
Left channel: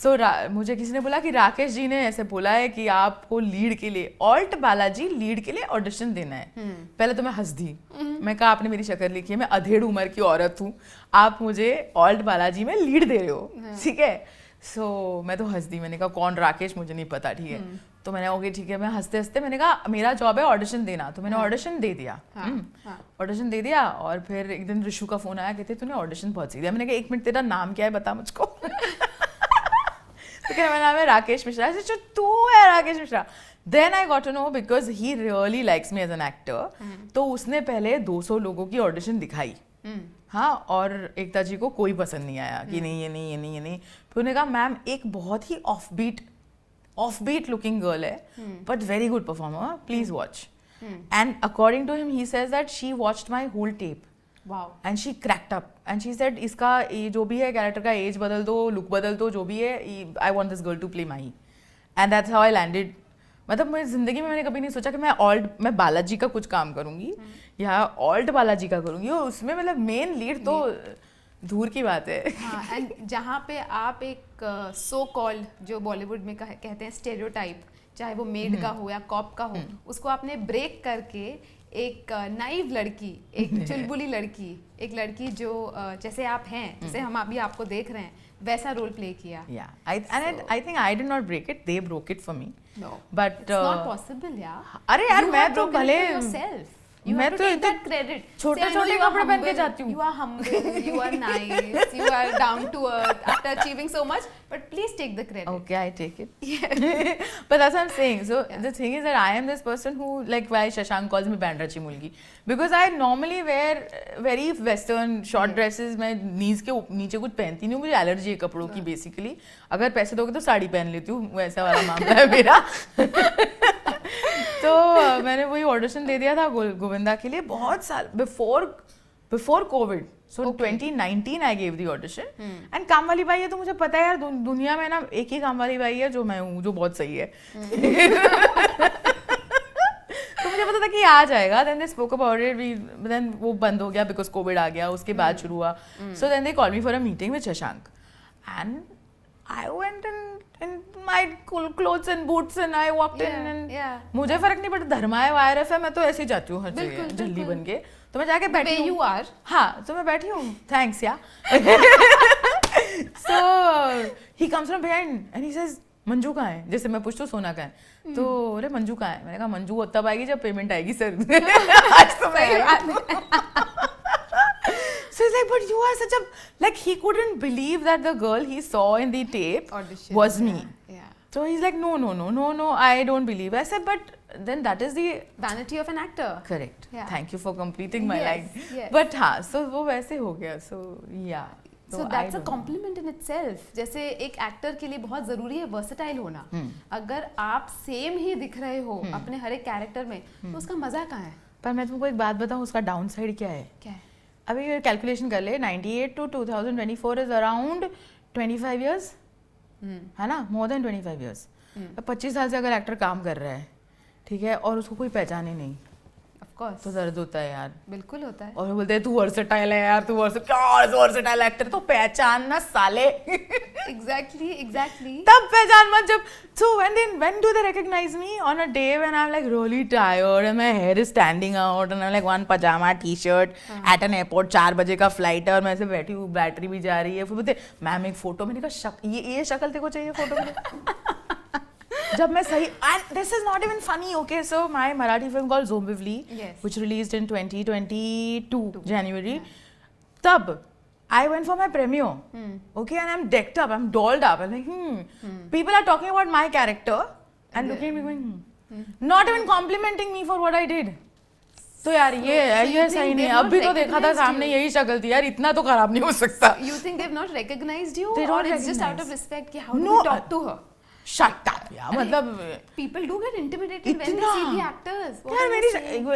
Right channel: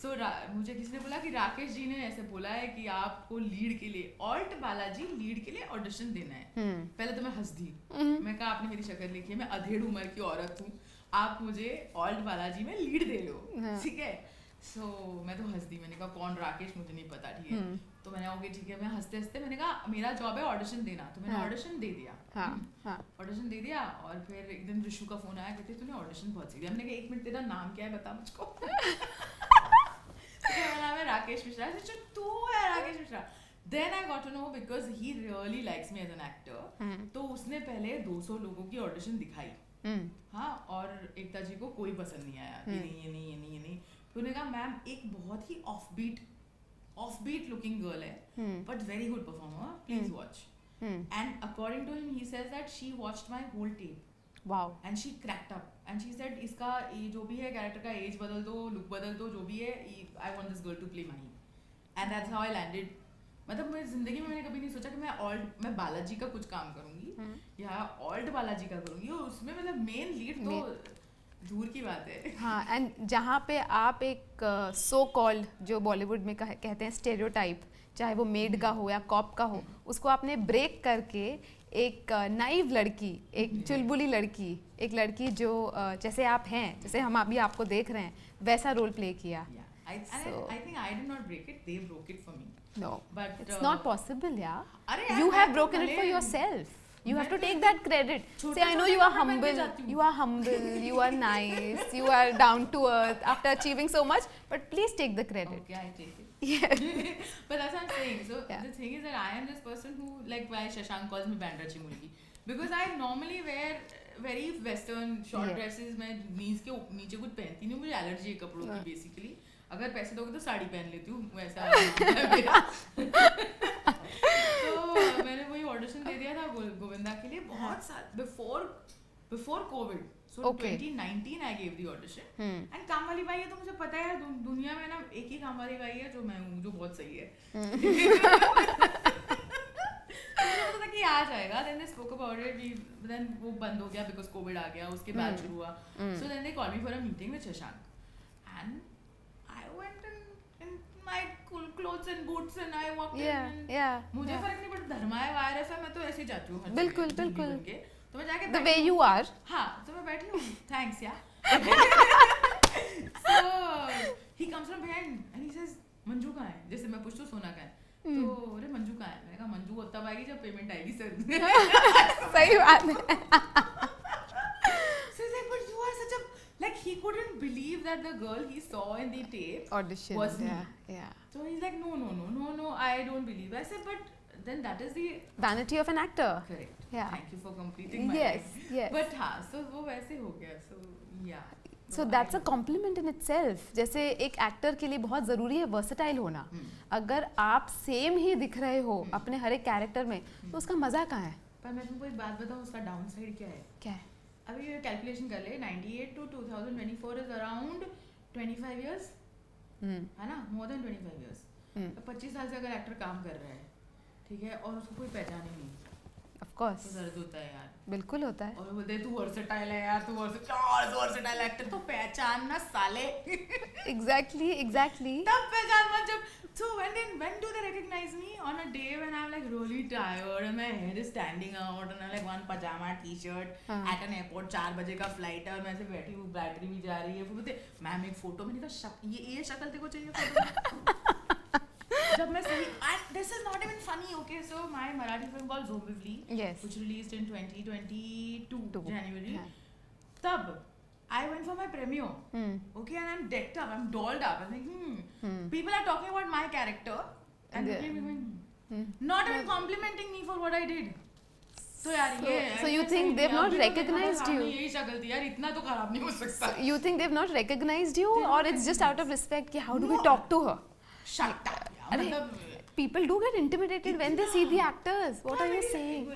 so मुझे किसी ने बोला कि राकेश जी ने ऐसे बोला है कि आपको लीड के लिए, ऑल्ट बालाजी लीड के लिए ऑडिशन देना है. पहले तो मैं हंस दी, मैं कहा आपने मेरी शक्ल लिखी है, मैं अधेड़ उम्र की औरत हूँ, आप मुझे ऑल्ट बालाजी में लीड दे रहे हो, ठीक है. सो मैं तो हंस दी, मैंने कहा कौन राकेश, मुझे नहीं पता, ठीक है. तो मैंने ओके ठीक है, मैं हंसते हंसते मैंने कहा मेरा जॉब है ऑडिशन देना, तो मैंने ऑडिशन दे दिया. ऑडिशन दे दिया और फिर एक दिन ऋषु का फोन आया, कहते तूने ऑडिशन पहुंच दिया. मैंने कहा 1 मिनट, तेरा नाम क्या है बता मुझको. तो मेरा नाम है राकेश मिश्रा. जो तू है Rakesh Mishra. Then I got to know because he really likes me as an actor. तो उसने पहले 200 लोगों की ऑडिशन दिखाई. हाँ, और एकता जी को कोई पसंद नहीं आया कि नहीं ये नहीं ये नहीं ये नहीं. फिर उन्होंने कहा मैम एक बहुत ही offbeat looking girl है, but very good performer, please watch. And according to him, he says that she watched my whole tape. Wow. And she cracked up. And she said इसका जो भी है कैरेक्टर का as बदल दो, look बदल दो, जो भी है, I want this girl to play Mahi. And that's how I landed. मतलब मेरी जिंदगी में मैंने कभी नहीं सोचा कि मैं बालाजी का कुछ काम करूंगी या ऑल्ट बालाजी का करूंगी, और उसमें मतलब मेन लीड तो दूर की बात है. हाँ, एंड जहाँ पे आप एक सो कॉल्ड जो बॉलीवुड में कहते हैं स्टेरियोटाइप, चाहे वो मेड का हो या कॉप का हो, उसको आपने ब्रेक करके एक नाइव लड़की, एक चुलबुली लड़की, एक लड़की जो जैसे आप हैं, जैसे हम अभी आपको देख रहे हैं, वैसा रोल प्ले किया. I think I did not break it, they broke it for me. No, but it's not possible, yeah. अरे यार, you have broken it for yourself. You have to take that credit. Say, I know you are humble, you are nice, you are down to earth after achieving so much, but please take the credit. Okay, I take it. Yeah. But that's what I'm saying. So the thing is that I am this person who, like why Shashank calls me Bandrachi Mulgi, because I normally wear very western short dresses. मैं knees के नीचे कुछ पहनती नहीं हूँ, मुझे allergy है कपड़ों की बेसिकली. अगर पैसे दोगे तो साड़ी पहन लेती हूँ, वैसा वाला मामला है मेरा. तो मैंने वही ऑडिशन दे दिया था गोविंदा के लिए बहुत साल before Covid. So 2019 I gave the audition. And काम वाली बाई है तो मुझे पता है यार दुनिया में ना एक ही काम वाली बाई है जो मैं हूँ, जो बहुत सही है. तो मुझे पता था कि आ जाएगा. Then they spoke about it, then वो बंद हो गया बिकॉज कोविड आ गया, उसके बाद शुरू हुआ. So then they called me for a meeting with Shashank and I went in my cool clothes and boots and I walked in and मुझे फर्क नहीं पड़ता, धर्मा है वायरस है, मैं तो ऐसे ही जाती हूँ हर जगह जल्दी बन के. तो मैं जाके बैठी हूँ. you are. हाँ, तो मैं बैठी हूँ. Thanks यार. So he comes from behind and he says Manju कहाँ है. जैसे मैं पूछती हूँ सोना कहाँ है, तो बोले मंजू कहाँ है. मैंने कहा मंजू तब आएगी जब पेमेंट आएगी सर. सही बात है. So he's like, but you are such a, like he couldn't believe that the girl he saw in the tape audition was me. Yeah. So he's like, no, I don't believe. I said, but then that is the vanity of an actor. Correct. Yeah. Thank you for completing my life. Yes. But हाँ, so वो वैसे हो गया. So yeah. So that's a compliment in itself. जैसे एक actor के लिए बहुत ज़रूरी है वर्सेटाइल होना. अगर आप सेम ही दिख रहे हो अपने हर एक कैरेक्टर में, तो उसका मज़ा कहाँ है. पर मैं तुमको एक बात बताऊँ, उसका डाउन साइड क्या है. क्या है. अभी कैलकुलेशन कर ले, 98 to 2024 इज अराउंड 25 years, है ना, मोर देन 25 years. 25 साल से अगर एक्टर काम कर रहा है, ठीक है, और उसको कोई पहचाने नहीं, ऑफ कोर्स तो दर्द होता है यार. बिल्कुल होता है. और वो बोलते हैं तू वर्सेटाइल है यार, तू वर्सेटाइल एक्टर, तो पहचान ना साले. Exactly. तब पहचान मत जब. So when do they recognize me? On a day when I'm like really tired and my hair is standing out and I'm like one pajama t-shirt at an airport, 4 बजे का फ्लाइट है और मैं ऐसे बैठी हूँ, बैटरी भी जा रही है. फिर बोलते मैम एक फोटो. मैंने कहा ये शक्ल तेरे को चाहिए फोटो में. जब मैं सही, and this is not even funny, okay, so my Marathi film called Zombivli, which released in 2022 January, tab I went for my premiere, okay, and I'm decked up, I'm dolled up, I'm like, people are talking about my character and looking at me going, not even complimenting me for what I did. तो यार ये सही नहीं. अभी तो देखा था सामने यही शक्ल थी यार, इतना तो खराब नहीं हो सकता. You think they've not recognized you, or it's just out of respect कि how do we talk to her? Shut up यार, मतलब people do get intimidated when they see the actors. What are you saying?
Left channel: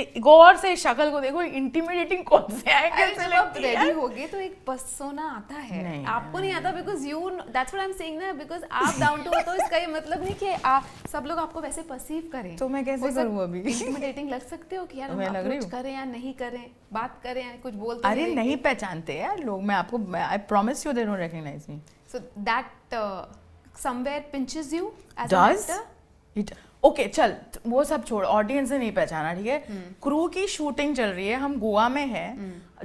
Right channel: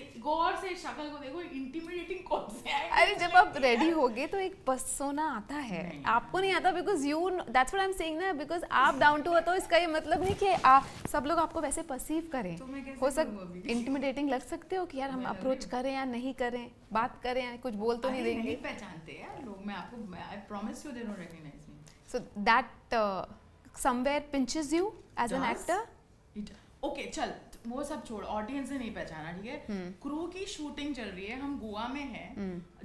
एक गौर से शक्ल को देखो, intimidating कौन से है? अरे जब आप रेडी होगे तो एक पर्सोना आता है, आपको नहीं आता, because you, that's what I am saying ना, बिकॉज आप डाउन टू अर्थ, तो इसका ये मतलब नहीं कि सब लोग आपको वैसे परसीव करें। तो मैं कैसे करूं अभी? इंटिमिडेटिंग लग सकते हो कि यार हम अप्रोच करें या नहीं करें, बात करें या कुछ बोल तो अरे नहीं पहचानते यार लोग, मैं आपको, I promise you they don't recognise me. So that somewhere pinches you as an actor? Okay चल वो सब छोड़, ऑडियंस ने नहीं पहचाना, ठीक है। क्रू की शूटिंग चल रही है, हम गोवा में हैं,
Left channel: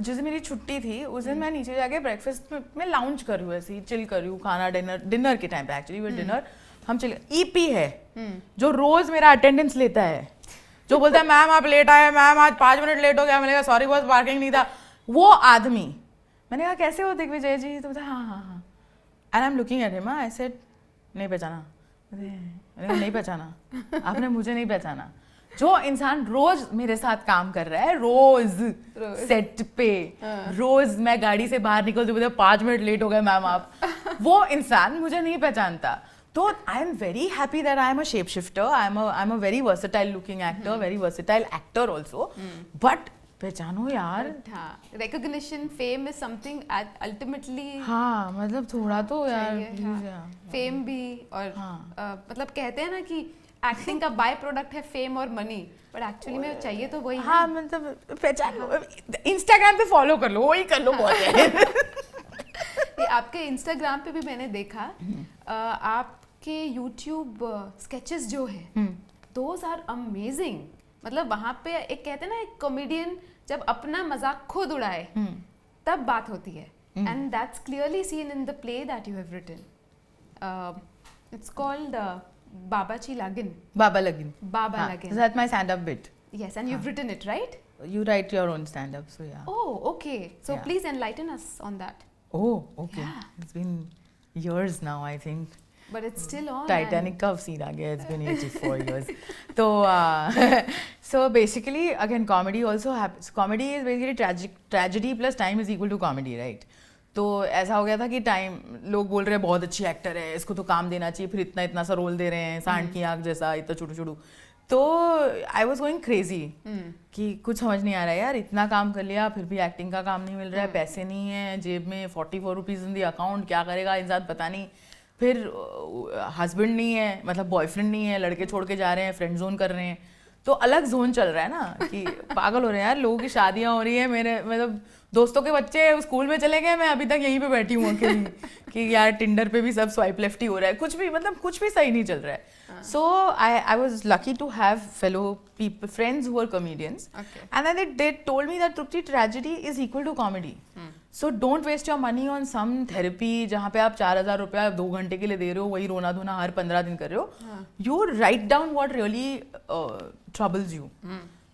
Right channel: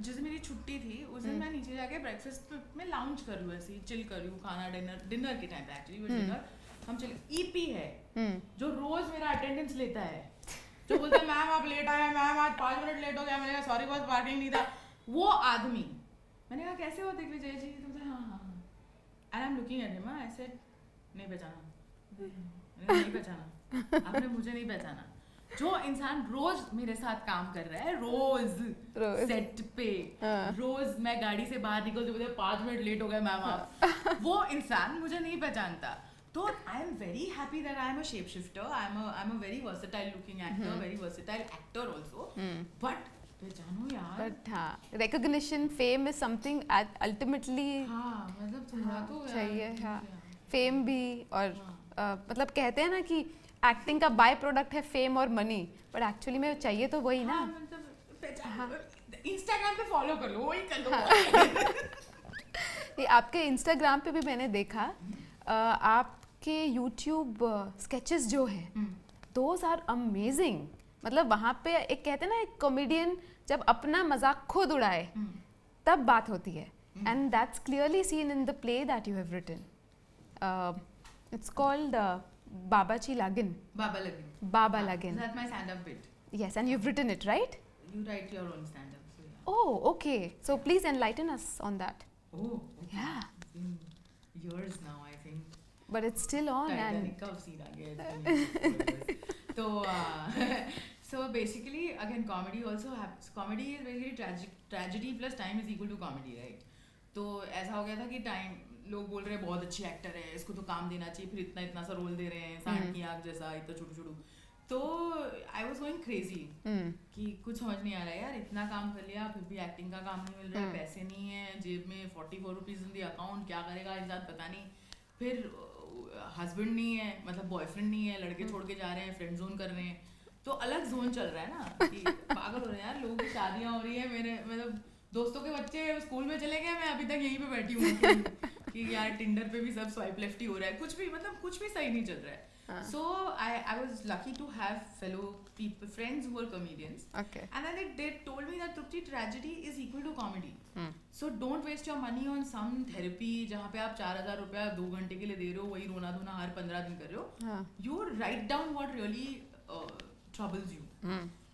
जिस दिन मेरी छुट्टी थी उस दिन मैं नीचे जाके ब्रेकफास्ट में लाउंज कर रही हूँ, ऐसे ही चिल कर रही हूँ, खाना डिनर के टाइम पे एक्चुअली वो डिनर हम चिल। ईपी है जो रोज मेरा अटेंडेंस लेता है, जो बोलता है मैम आप लेट आए, मैम आज 5 मिनट लेट हो गया, मैंने कहा सॉरी बॉस पार्किंग नहीं था, वो आदमी। मैंने कहा कैसे हो दिग्विजय जी? तो बोलता हाँ हाँ हाँ, and I am looking at him, I said नहीं पहचाना, नहीं पहचाना आपने मुझे नहीं पहचाना। जो इंसान रोज मेरे साथ काम कर रहा है, रोज सेट पे, रोज मैं गाड़ी से बाहर निकलती हूँ 5 मिनट लेट हो गए मैम आप, वो इंसान मुझे नहीं पहचानता। तो I am very happy that I am a shape shifter, I am a very versatile looking actor, very versatile actor also, but पहचानो यार। हाँ, recognition, fame is something ultimately, हाँ मतलब थोड़ा तो यार, हाँ, फेम भी, और मतलब कहते हैं ना कि एक्टिंग का बाय प्रोडक्ट है फेम और मनी, बट एक्चुअली में चाहिए तो वही। हाँ मतलब पहचान, इंस्टाग्राम पे फॉलो कर लो, वही कर लो। ये आपके इंस्टाग्राम पे भी मैंने देखा, आपके यूट्यूब स्केचेस जो है दोज आर अमेजिंग। मतलब वहाँ पे एक कहते हैं ना, एक कॉमेडियन जब अपना मजाक खुद उड़ाए तब बात होती है, and that's clearly seen in the play that you have written. It's called Babachi Lagin. Baba Lagin. Baba Lagin. That's my stand-up bit. Yes, and you've written it, right? You write your own stand-up, so yeah. Oh, okay. So please enlighten us on that. Oh, okay. Yeah. It's been years now, I think. But it's still on. Titanic का scene आ गया. It's been 84 years. So, so basically, again, comedy also happens. Comedy is basically tragedy plus time is equal to comedy, right? तो ऐसा हो गया था कि time लोग बोल रहे हैं बहुत अच्छी एक्टर है, इसको तो काम देना चाहिए, फिर इतना इतना सा रोल दे रहे हैं, सांड की आँख जैसा, इतना छोटू छोटू। तो आई वॉज गोइंग क्रेजी कि कुछ समझ नहीं आ रहा है यार, इतना काम कर लिया फिर भी एक्टिंग का काम नहीं मिल रहा है, पैसे नहीं है जेब में, 44 रुपीज़ इन दी अकाउंट, क्या करेगा इंसान पता नहीं। फिर हस्बैंड नहीं है, मतलब बॉयफ्रेंड नहीं है, लड़के छोड़ के जा रहे हैं, फ्रेंड जोन कर रहे हैं, तो अलग जोन चल रहा है ना कि पागल हो रहे हैं यार, लोगों की शादियाँ हो रही है, मेरे मतलब दोस्तों के बच्चे स्कूल में चले गए, मैं अभी तक यहीं पे बैठी हूँ कि यार टिंडर पे भी सब स्वाइप लेफ्ट ही हो रहा है, कुछ भी मतलब कुछ भी सही नहीं चल रहा है। So I was lucky to have fellow people, friends who are comedians, and then they told me that ट्रुप्ति tragedy is equal to comedy, so don't waste your money on some therapy जहाँ पे आप 4000 रुपया 2 घंटे के लिए दे रहे हो, वही रोना धोना हर 15 दिन कर रहे हो, you write down what really troubles you.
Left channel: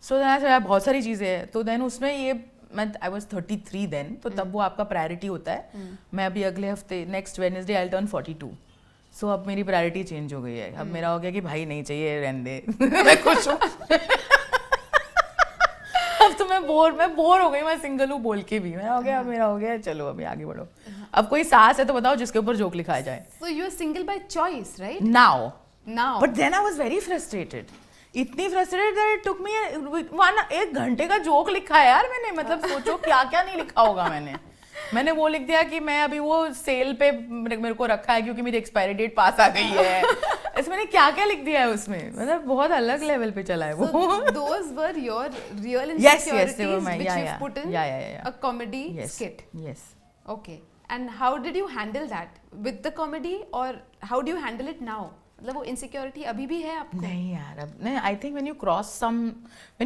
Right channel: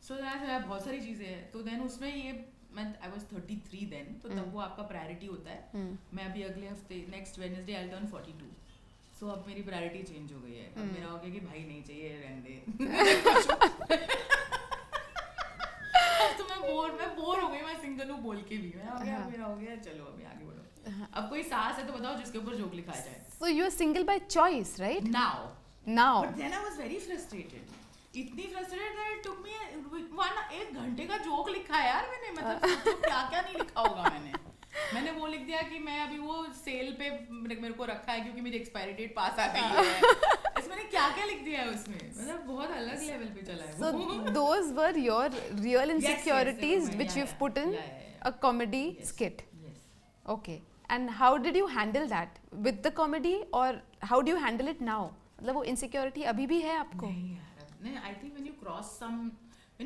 So बहुत सारी चीज़ें हैं, तो देन उसमें ये मैं आई वॉज 33 देन, तो तब वो आपका प्रायोरिटी होता है। मैं अभी अगले हफ्ते नेक्स्ट वेडनेसडे आई टर्न 42, सो अब मेरी प्रायोरिटी चेंज हो गई है। अब मेरा हो गया कि भाई नहीं चाहिए, रहने दे। मैं खुश हूँ। अब तो मैं बोर हो गई, मैं सिंगल हूँ बोल के भी, मेरा हो गया, मेरा हो गया, चलो अभी आगे बढ़ो। अब कोई सास है तो बताओ जिसके ऊपर जोक लिखाया जाए। So you are single by choice, right? Now. But then I was very frustrated. इतनी फ्रस्ट्रेटेड दैट इट टुक मी 1 घंटे का जोक लिखा है यार मैंने, मतलब सोचो क्या क्या नहीं लिखा होगा मैंने वो लिख दिया कि मैं अभी वो सेल पे मेरे को रखा है क्योंकि मेरी एक्सपायरी डेट पास आ गई है। इसमें मैंने क्या क्या लिख दिया है उसमें, मतलब बहुत अलग लेवल पे चला है वो। So those were your real insecurities which you've put in a comedy skit. Yes. Okay. And how did you handle that with the comedy, or how do you handle it now? मतलब वो insecurity अभी भी है आपको? नहीं यार, अब नहीं, I think when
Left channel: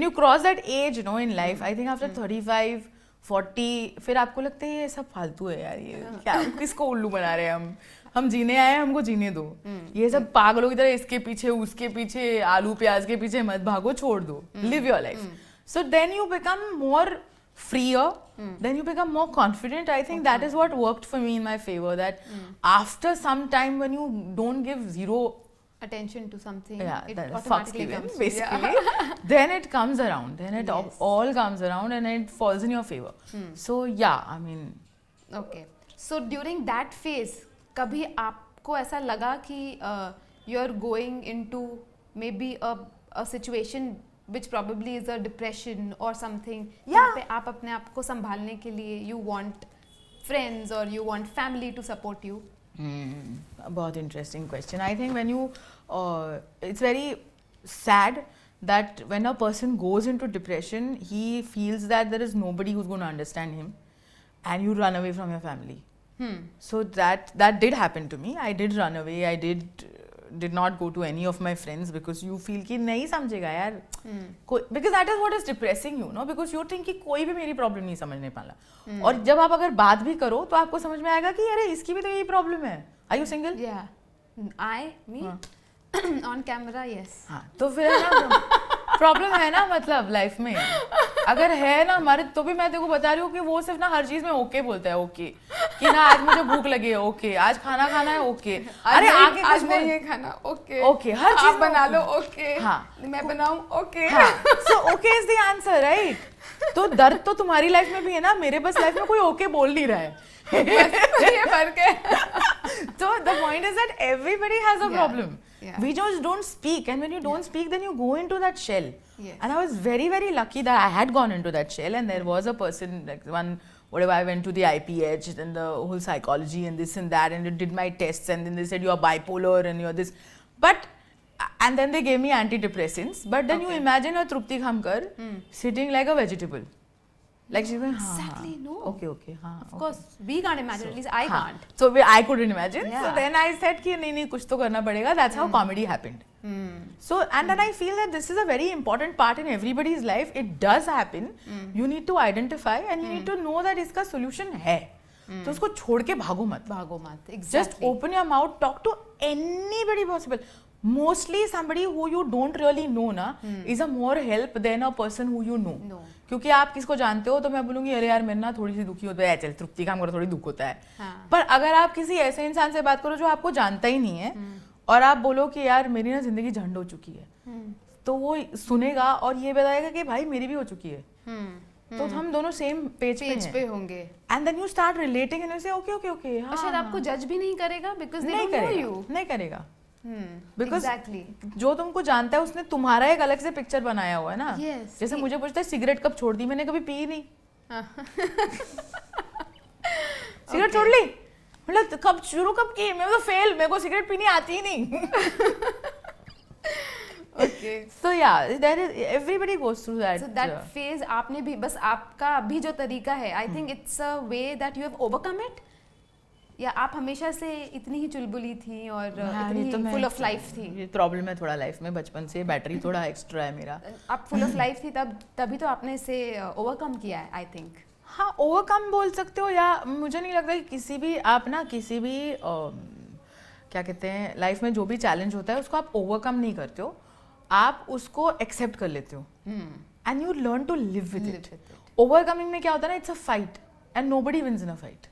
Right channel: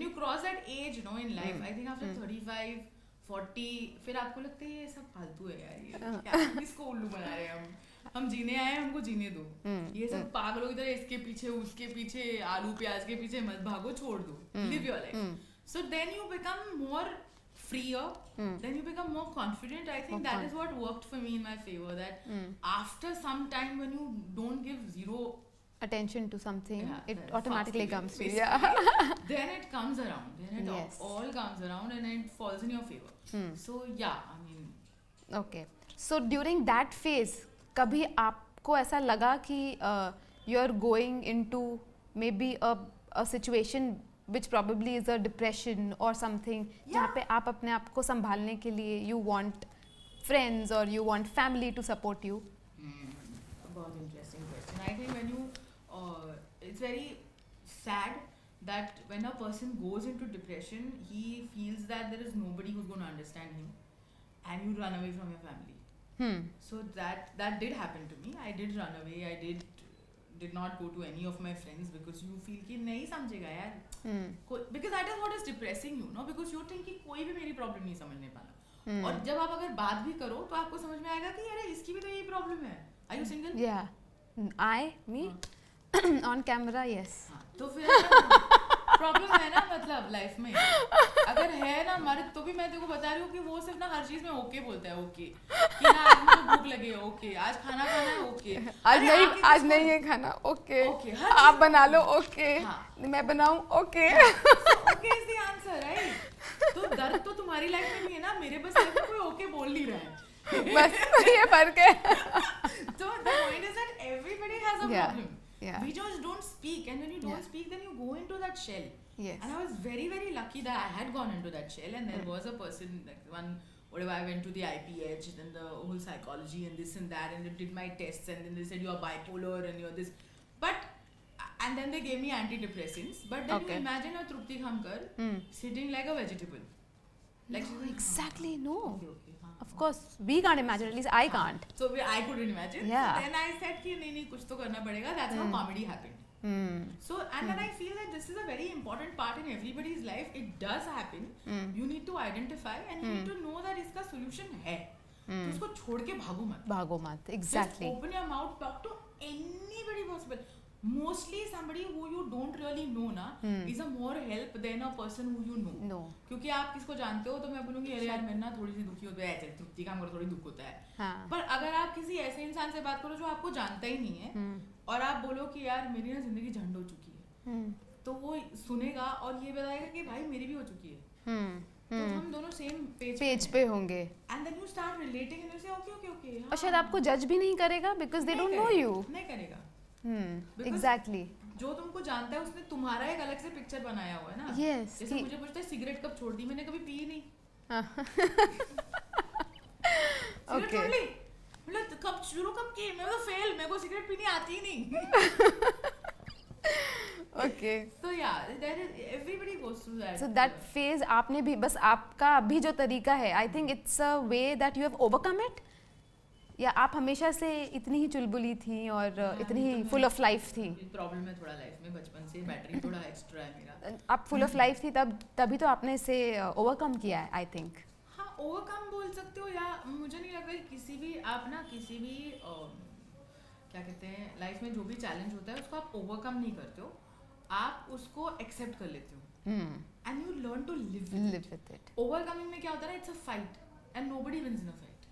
you cross that age, you know, in life, I think after 35, 40, फिर आपको लगता है ये सब फालतू है यार, ये क्या किसको उल्लू बना रहे हैं हम जीने आए हैं, हमको जीने दो, ये सब पागलों की तरह इसके पीछे उसके पीछे आलू प्याज के पीछे मत भागो, छोड़ दो, live your life. So then you become more freer, then you become more confident. I think that is what worked for me in my favor, that after some time when you don't give zero attention to something, it that automatically comes basically. Then it comes around, then it all comes around and it falls in your favor. So yeah, I mean, okay, so during that phase कभी आपको ऐसा लगा कि you are going into maybe a situation which probably is a depression or something, जहाँ पे आप अपने आप को संभालने के लिए you want friends or you want family to support you? बहुत interesting question. I think when you, it's very sad that when a person goes into depression, he feels that there is nobody who's going to understand him, and you run away from your family. So that did happen to me. I did run away. I did not go to any of my friends because you feel कि नहीं समझेगा यार, because that is what is depressing you, no? Because you think कि कोई भी मेरी problem नहीं समझने वाला, और जब आप अगर बात भी करो तो आपको समझ में आएगा कि अरे इसकी भी तो यही प्रॉब्लम है. Are you single? Yeah, me on camera, yes. हाँ, तो फिर प्रॉब्लम है ना, मतलब लाइफ में अगर है ना हमारे, तो भी मैं तेरे को बता रही हूँ कि वो सिर्फ ना हर चीज में ओके बोलता है, ओके कि ना आज मुझे भूख लगी है, ओके आज खाना खाना है, ओके आज नहीं ये खाना, ओके ओके हर आप बना लो, ओके हाँ मैं बनाऊं, okay so okay is the answer, right? तो दर्द तो तुम्हारी लाइफ में भी है ना, मेरे पास लाइफ में कोई ओके बोल नहीं रहा है. ये फर्क है. So the point is that everybody has a problem. Yeah. We just don't speak, and when you don't speak, then you go into that shell. Yes. And I was very, very lucky that I had gone into that shell, and there was a person, like one, whatever, I went to the IPH, and the whole psychology and this and that, and it did my tests, and then they said you are bipolar and you're this, but, and then they gave me antidepressants. But then you imagine a Trupti Khamkar sitting like a vegetable. Like she's like, exactly, no. Okay. Of course, we can't imagine. At least I can't. So I couldn't imagine. Yeah. So then I said कि नहीं कुछ तो करना पड़ेगा. That's how comedy happened. So and then I feel that this is a very important part in everybody's life. It does happen. You need to identify and you need to know that इसका solution है. तो उसको छोड़ के भागो मत. Exactly. Just open your mouth. Talk to anybody possible. Mostly somebody who you don't really know ना is a more help than a person who you know. No. क्योंकि आप किसको जानते हो तो मैं बोलूँगी अरे यार मेरे ना थोड़ी सी दुखी होता है, चल तृप्ति काम करो, थोड़ी दुख होता है. हाँ. पर अगर आप किसी ऐसे इंसान से बात करो जो आपको जानता ही नहीं है और आप बोलो कि यार मेरी ना जिंदगी झंड हो चुकी है, तो वो सुनेगा और ये बताएगा कि भाई मेरी भी हो चुकी है. तो हम दोनों सेम पेज पे होंगे. And then you start relating and you say okay. और शायद आपको जज भी नहीं करेगा because they don't know you. नहीं करेगा. Exactly. जो तुमको जानता है उसने तुम्हारा एक अलग से पिक्चर बनाया हुआ है ना. Yes. जैसे मुझे पूछता है सिगरेट कब छोड़ दी, मैंने कभी पी नहीं. सिगरेट छोड़ ली, मतलब कब शुरू कब की, मैं तो फेल, मेरे को सिगरेट पीनी आती ही नहीं. Okay. So yeah, there is, everybody goes through that. So that phase आपने भी, बस आपका अभी जो तरीका है, I think it's a way that you have overcome it. या आप हमेशा से इतनी ही चुलबुली थी और इतनी ही फुल ऑफ लाइफ थी? प्रॉब्लम है थोड़ा लाइफ में, बचपन से बैटरी थोड़ा एक्स्ट्रा है मेरा. आप फुल ऑफ लाइफ थी तभी तो आपने इसे ओवरकम किया है, आई थिंक. हाँ, ओवरकम बोल सकते हो, या मुझे नहीं लगता कि किसी भी आप ना किसी भी क्या कहते हैं लाइफ में जो भी चैलेंज होता है उसको आप ओवरकम नहीं करते हो, आप उसको एक्सेप्ट कर लेते हो and you learn to live with it. Overcoming में क्या होता है ना, it's a fight and nobody wins in a fight.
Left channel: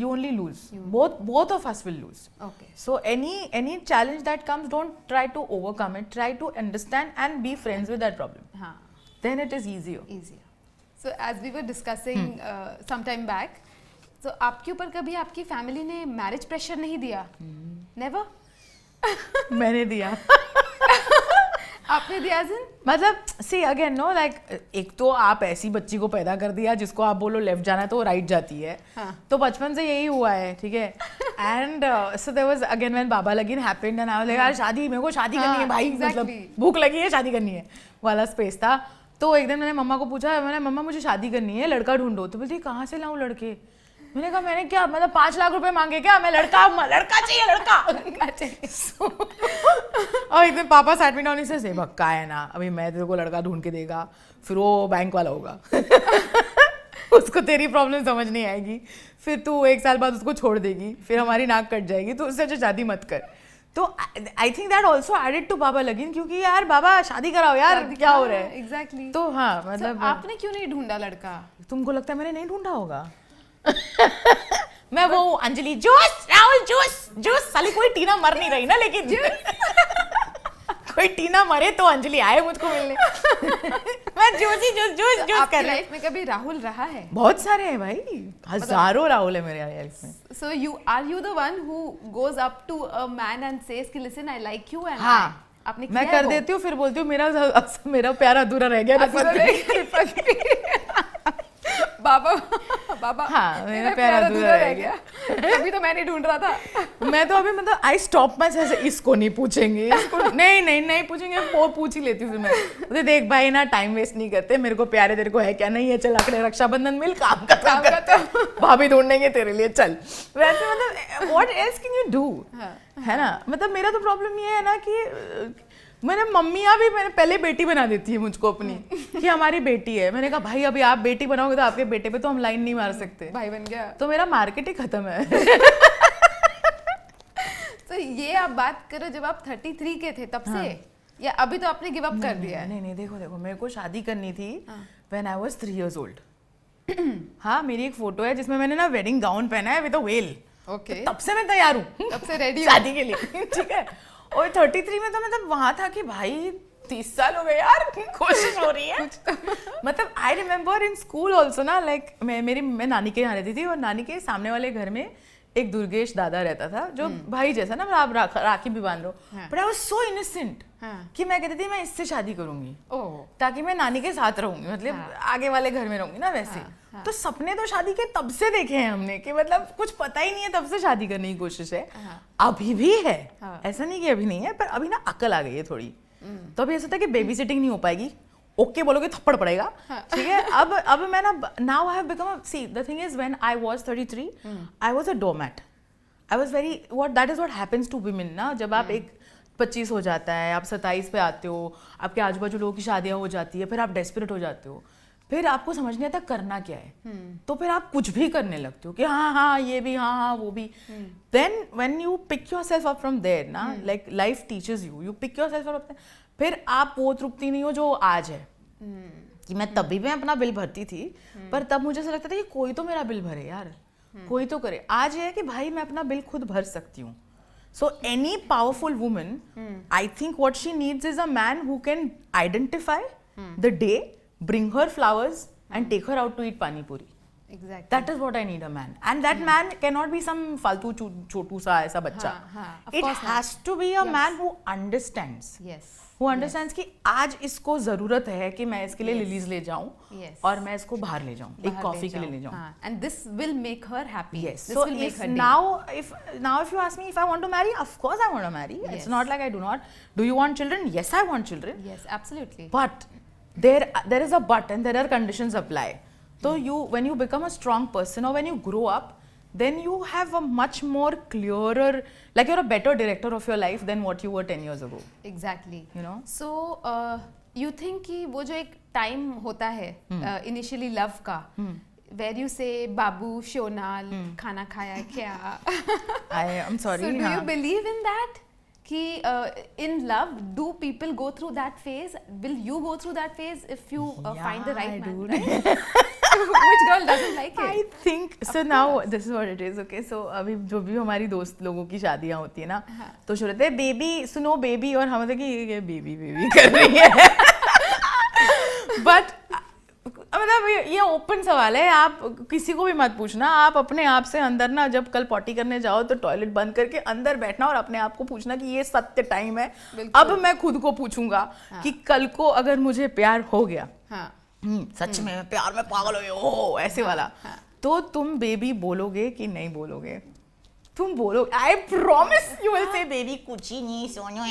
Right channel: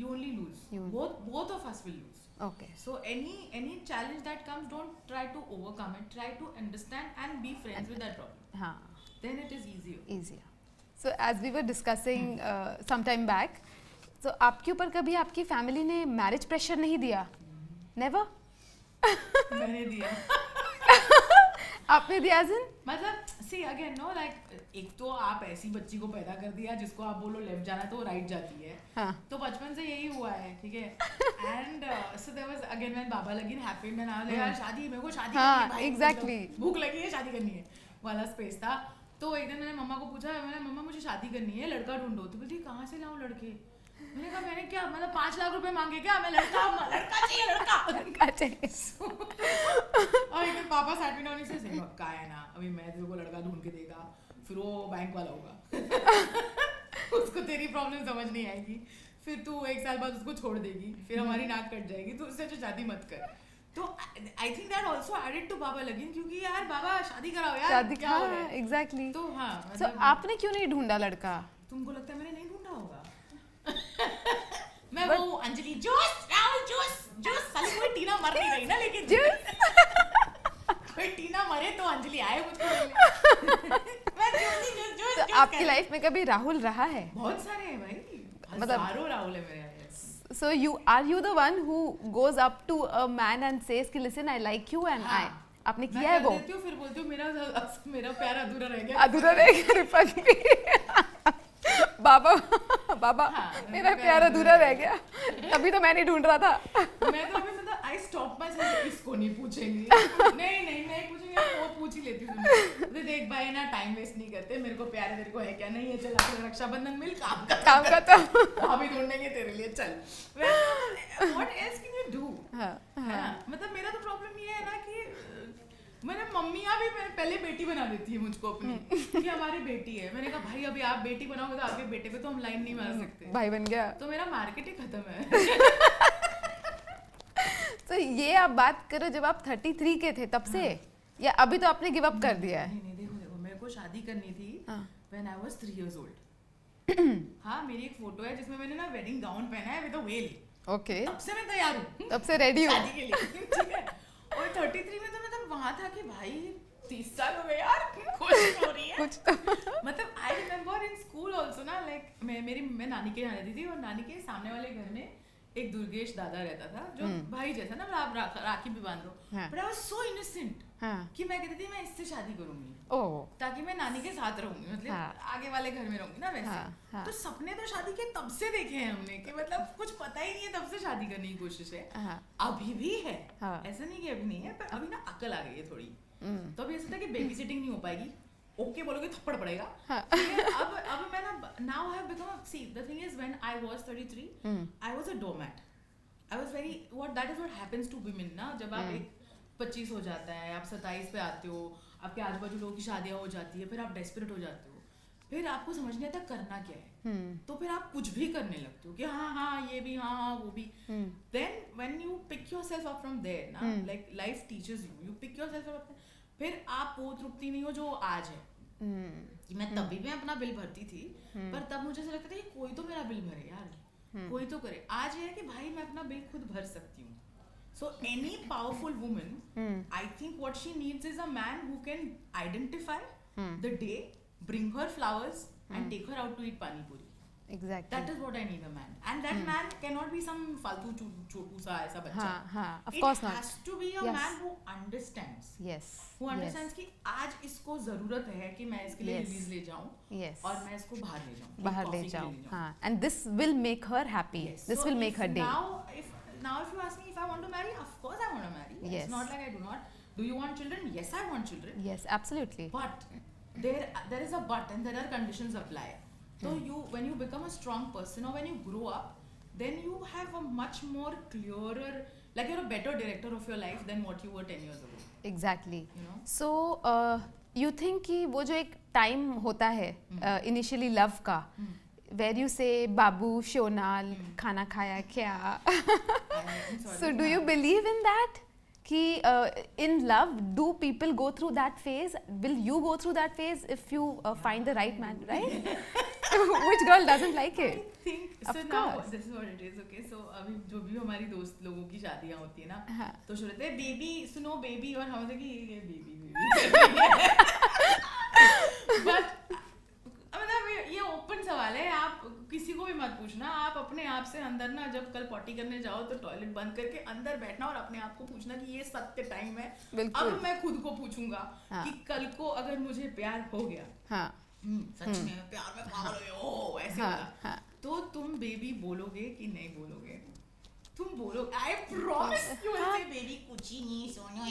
You only lose. Both of us will lose. Okay. So any challenge that comes, don't try to overcome it. Try to understand and be friends with that problem. हाँ. Then it is easier. So as we were discussing some time back, so आपके ऊपर कभी आपकी family ने marriage pressure नहीं दिया? Never? मैंने दिया. आपने दिया जिन? मतलब सी अगेन नो, लाइक एक तो आप ऐसी बच्ची को पैदा कर दिया जिसको आप बोलो लेफ्ट जाना तो वो राइट जाती है. हाँ. तो बचपन से यही हुआ है, ठीक है. And so there was again when Baba Lagin happened and I was like यार शादी, मेरे को शादी करनी है भाई, एग्जैक्टली भूख लगी है, शादी करनी है वाला स्पेस था. तो एक दिन मैंने मम्मा को पूछा, मैंने मम्मा मुझे शादी करनी है, लड़का ढूंढो. तो बोलती कहाँ से लाऊं लड़के? मैंने कहा मैंने क्या मतलब 5 लाख रुपए मांगे क्या, मैं लड़का चाहिए, लड़का चाहिए. और एक दिन पापा सैट मी डाउन, इसे भक्का है ना, अभी मैं तेरे को लड़का ढूंढ के देगा, फिर वो बैंक वाला होगा. उसको तेरी प्रॉब्लम समझ नहीं आएगी, फिर तू 1 साल बाद उसको छोड़ देगी, फिर हमारी नाक कट जाएगी, तो उससे शादी मत कर. तो I think that also added to Baba Lagin, क्योंकि यार बाबा शादी कराओ यार, क्या हो रहा है. एग्जैक्टली. तो हाँ मतलब आपने क्यों नहीं ढूंढा लड़का? तुमको लगता है मैंने नहीं ढूंढा होगा? मैं वो अंजलि जूस, राहुल जूस साली, कोई टीना मर नहीं रही ना, लेकिन कोई टीना मरे तो अंजलि आए मुझको मिलने. मैं जूस. आपकी लाइफ में कभी राहुल रहा है? बहुत सारे हैं भाई, हजारों राहुल है मेरे लाइफ में. So are you the one who goes up to a man and says कि listen I like you and हाँ, आपने किया मैं है कर वो? देती हूँ, फिर बोलती हूँ मेरा प्यार अधूरा रह गया, अधूरा रह गया रिफत भी। बाबा हाँ, मेरा प्यार अधूरा रह गया, तभी तो मैं नहीं ढूंढ रहा था। मैं तो अभी मतलब आई स्टॉप माई सेल्फ, इसको नहीं पूछेंगे, नहीं पूछेंगे, वो पूछ ही लेती हूँ मैं। देख भाई ना, टाइम वेस्ट नहीं करते, मेरे को प्यार है, तेरे को है क्या? नहीं है, चल आखिर रक्षाबंधन मिल, काम का भाभी ढूंढेंगे तेरे लिए, चल। वैसे मतलब what else can you do, है ना? मतलब मेरा तो प्रॉब्लम ये है ना कि मेरे मम्मियाँ भी मैंने पहले बेटी बना देती है मुझको अपनी, कि हमारी बेटी है। मैंने कहा भाई अभी आप बेटी बनाओगे तो आपके बेटे पे तो हम लाइन नहीं मार सकते, भाई बन गया तो मेरा मार्केट ही खत्म है। तो ये आप बात करो जब आप 33 के थे तब से, या अभी तो आपने गिव अप कर दिया है? नहीं, देखो मेरे को शादी करनी थी when I was 3 years old। हाँ, मेरी एक फोटो है जिसमें मैंने ना वेडिंग गाउन पहना है विद अ वेल। ओके, तब से मैं तैयार हूँ, तब से रेडी शादी के लिए, ठीक है। और 33 में तो मतलब वहां था कि भाई 30 साल हो गए यार, कोशिश हो रही है। मतलब I remember in school also ना, लाइक मैं नानी के यहाँ रहती थी, और नानी के सामने वाले घर में एक दुर्गेश दादा रहता था, जो भाई जैसा ना, आप राखी भी बांध दो, but I was so innocent कि मैं कहती थी मैं इससे शादी करूंगी, ताकि मैं नानी के साथ रहूंगी, मतलब आगे वाले घर में रहूंगी ना वैसे। तो सपने तो शादी के तब से देखे हैं हमने, कि मतलब कुछ पता ही नहीं है, तब से शादी करने की कोशिश है। अभी भी है, ऐसा नहीं कि अभी नहीं है, पर अभी ना अकल आ गई है थोड़ी। तो अभी ऐसा था कि बेबी सिटिंग नहीं हो पाएगी, ओके बोलोगे थप्पड़ पड़ेगा, ठीक है। अब मैं ना, now I have become, see the thing is when I was 33 I was a doormat. I was very that is what happens to women ना, जब आप एक 25 हो जाता है, आप 27 पे आते हो, आपके आजू बाजू लोगों की शादियां हो जाती है, फिर आप डेस्परेट हो जाते हो, फिर आपको समझ नहीं आता करना क्या है, तो फिर आप कुछ भी करने लगते हो कि हाँ ये भी, हाँ वो भी। Then when you pick yourself up from there ना, like life teaches you pick yourself up, फिर आप वो तृप्ति नहीं हो जो आज है। कि मैं तभी मैं अपना बिल भरती थी, पर तब मुझे ऐसा लगता था कि कोई तो मेरा बिल भरे यार, कोई तो करे। आज ये है कि भाई मैं अपना बिल खुद भर सकती हूँ। So any powerful woman, I think what she needs is a man who can identify the day, bring her flowers and take her out to eat pani puri. Exactly. That is what I need a man, and that man cannot be some faltu chotu sa aisa bachcha. It has to be a man who understands. Yes. Who understands कि आज इसको जरूरत है कि मैं इसके लिए lilies ले जाऊं, और मैं इसको बाहर ले जाऊं, एक कॉफी के लिए ले जाऊं. And this will make her happy. Yes. This will make her day. Now if you ask me if I want to marry, of course I want to marry. Yes. It's not like I do not. Do you want children? Yes, I want children. Yes, absolutely. But there is a but, and there are conditions apply. So when you become a strong person, or when you grow up, then you have a much more clearer, like you're a better director of your life than what you were 10 years ago. Exactly. You know. So you think कि वो जो एक time होता है initially love का, where you say बाबू शोनाल खाना खाया क्या? I'm sorry. So do you believe in that? कि in love, do people go through that phase? Will you go through that phase if you find the right man, right? Which girl doesn't like it? I think so. Now this is what it is. Okay, so अभी जो भी हमारी दोस्त लोगों की शादियाँ होती है ना, तो शुरू होते हैं बेबी, सुनो बेबी, और हम कि ये बेबी कर रही है. But मतलब ये ओपन सवाल है, आप किसी को भी मत पूछना, आप अपने आप से अंदर ना, जब कल पॉटी करने जाओ तो टॉयलेट बंद करके अंदर बैठना और अपने आप को पूछना कि ये सत्य टाइम है. अब मैं खुद को पूछूंगा कि कल को अगर मुझे प्यार हो गया, सच में प्यार में पागल हो गए हो ऐसे वाला, तो तुम बेबी बोलोगे कि नहीं बोलोगे? तुम बोलोगे. आई promise you will say baby कुछ ही नहीं सोनू,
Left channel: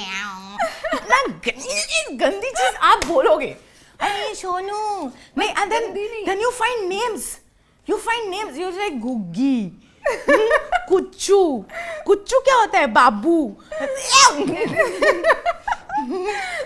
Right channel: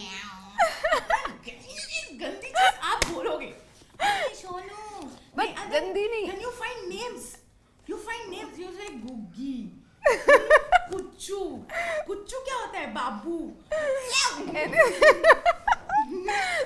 गंदी चीज आप बोलोगे. Hey, Shonu. But then you find names. You're like Guggi, Kuchu. Kuchu क्या होता है? बाबू.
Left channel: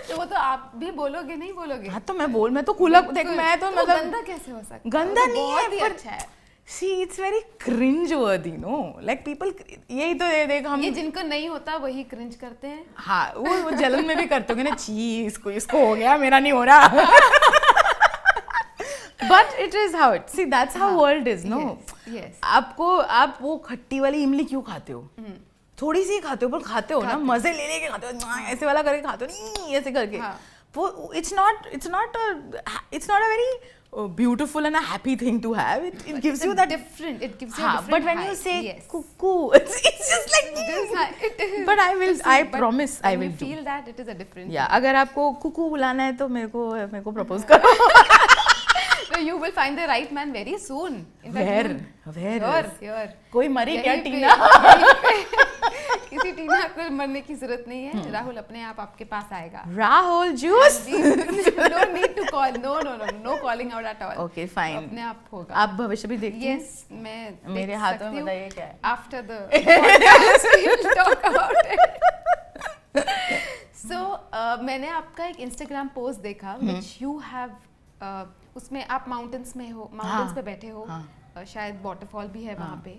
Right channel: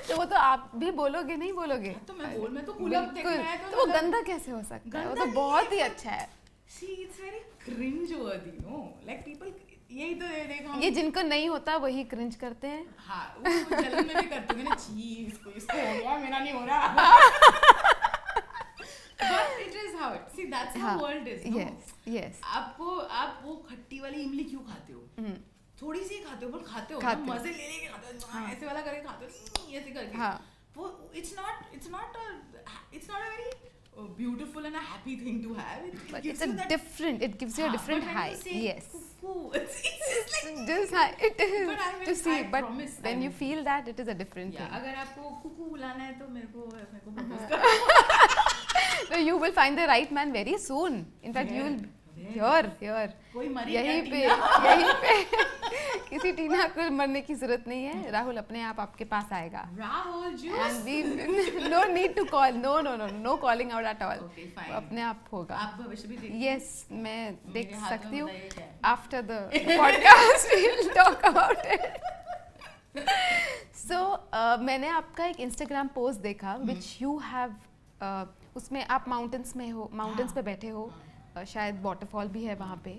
तो वो तो आप भी बोलोगे, नहीं बोलोगे? हाँ तो मैं तो खुला देख, मैं तो मतलब गंदा कैसे हो सकता है? गंदा नहीं, बहुत ही अच्छा है. See, it's very cringe-worthy, no? Like people, यही तो देख हम, ये जिनको नहीं होता वही क्रिंज करते हैं. हाँ, वो जलन में भी करते होंगे ना, ची इसको हो गया, मेरा नहीं हो रहा. But it is how it. See, that's how world is, no? Yes. आप वो खट्टी वाली इमली क्यों खाते हो? थोड़ी सी खाते हो, पर खाते हो ना, मजे ले लेके खाते हो, ऐसे वाला करके खाते हो, नहीं ऐसे करके. वो it's not a very beautiful and a happy thing to have. It gives you that different. It gives you a different but when high. you say yes. cuckoo, it's just like it is. But I will. I promise. I When will you feel that, it is a different. Yeah. thing. अगर आपको कुकू बुलाना है तो मेरे को propose करो. So you will find the right man very soon. In fact, here. कोई मरी क्या यहीं पे किसी टीना को मरने की जरूरत नहीं है. राहुल अपने आप आपके पास आएगा. Rahul juice. No need to call. No calling out at all. Okay, fine. अपने आप होगा. आप भविष्य भी देखते हैं? Yes, मैं मेरे देख हाथों सकती में हूँ. बताइए क्या है? After the podcast, we'll talk about it. So मैंने आपका एक Instagram post देखा, which you have. उसमें आप माउंटेन्स में हो, माउंटेन्स पे बैठे हो, शायद वाटरफॉल भी है वहाँ पे,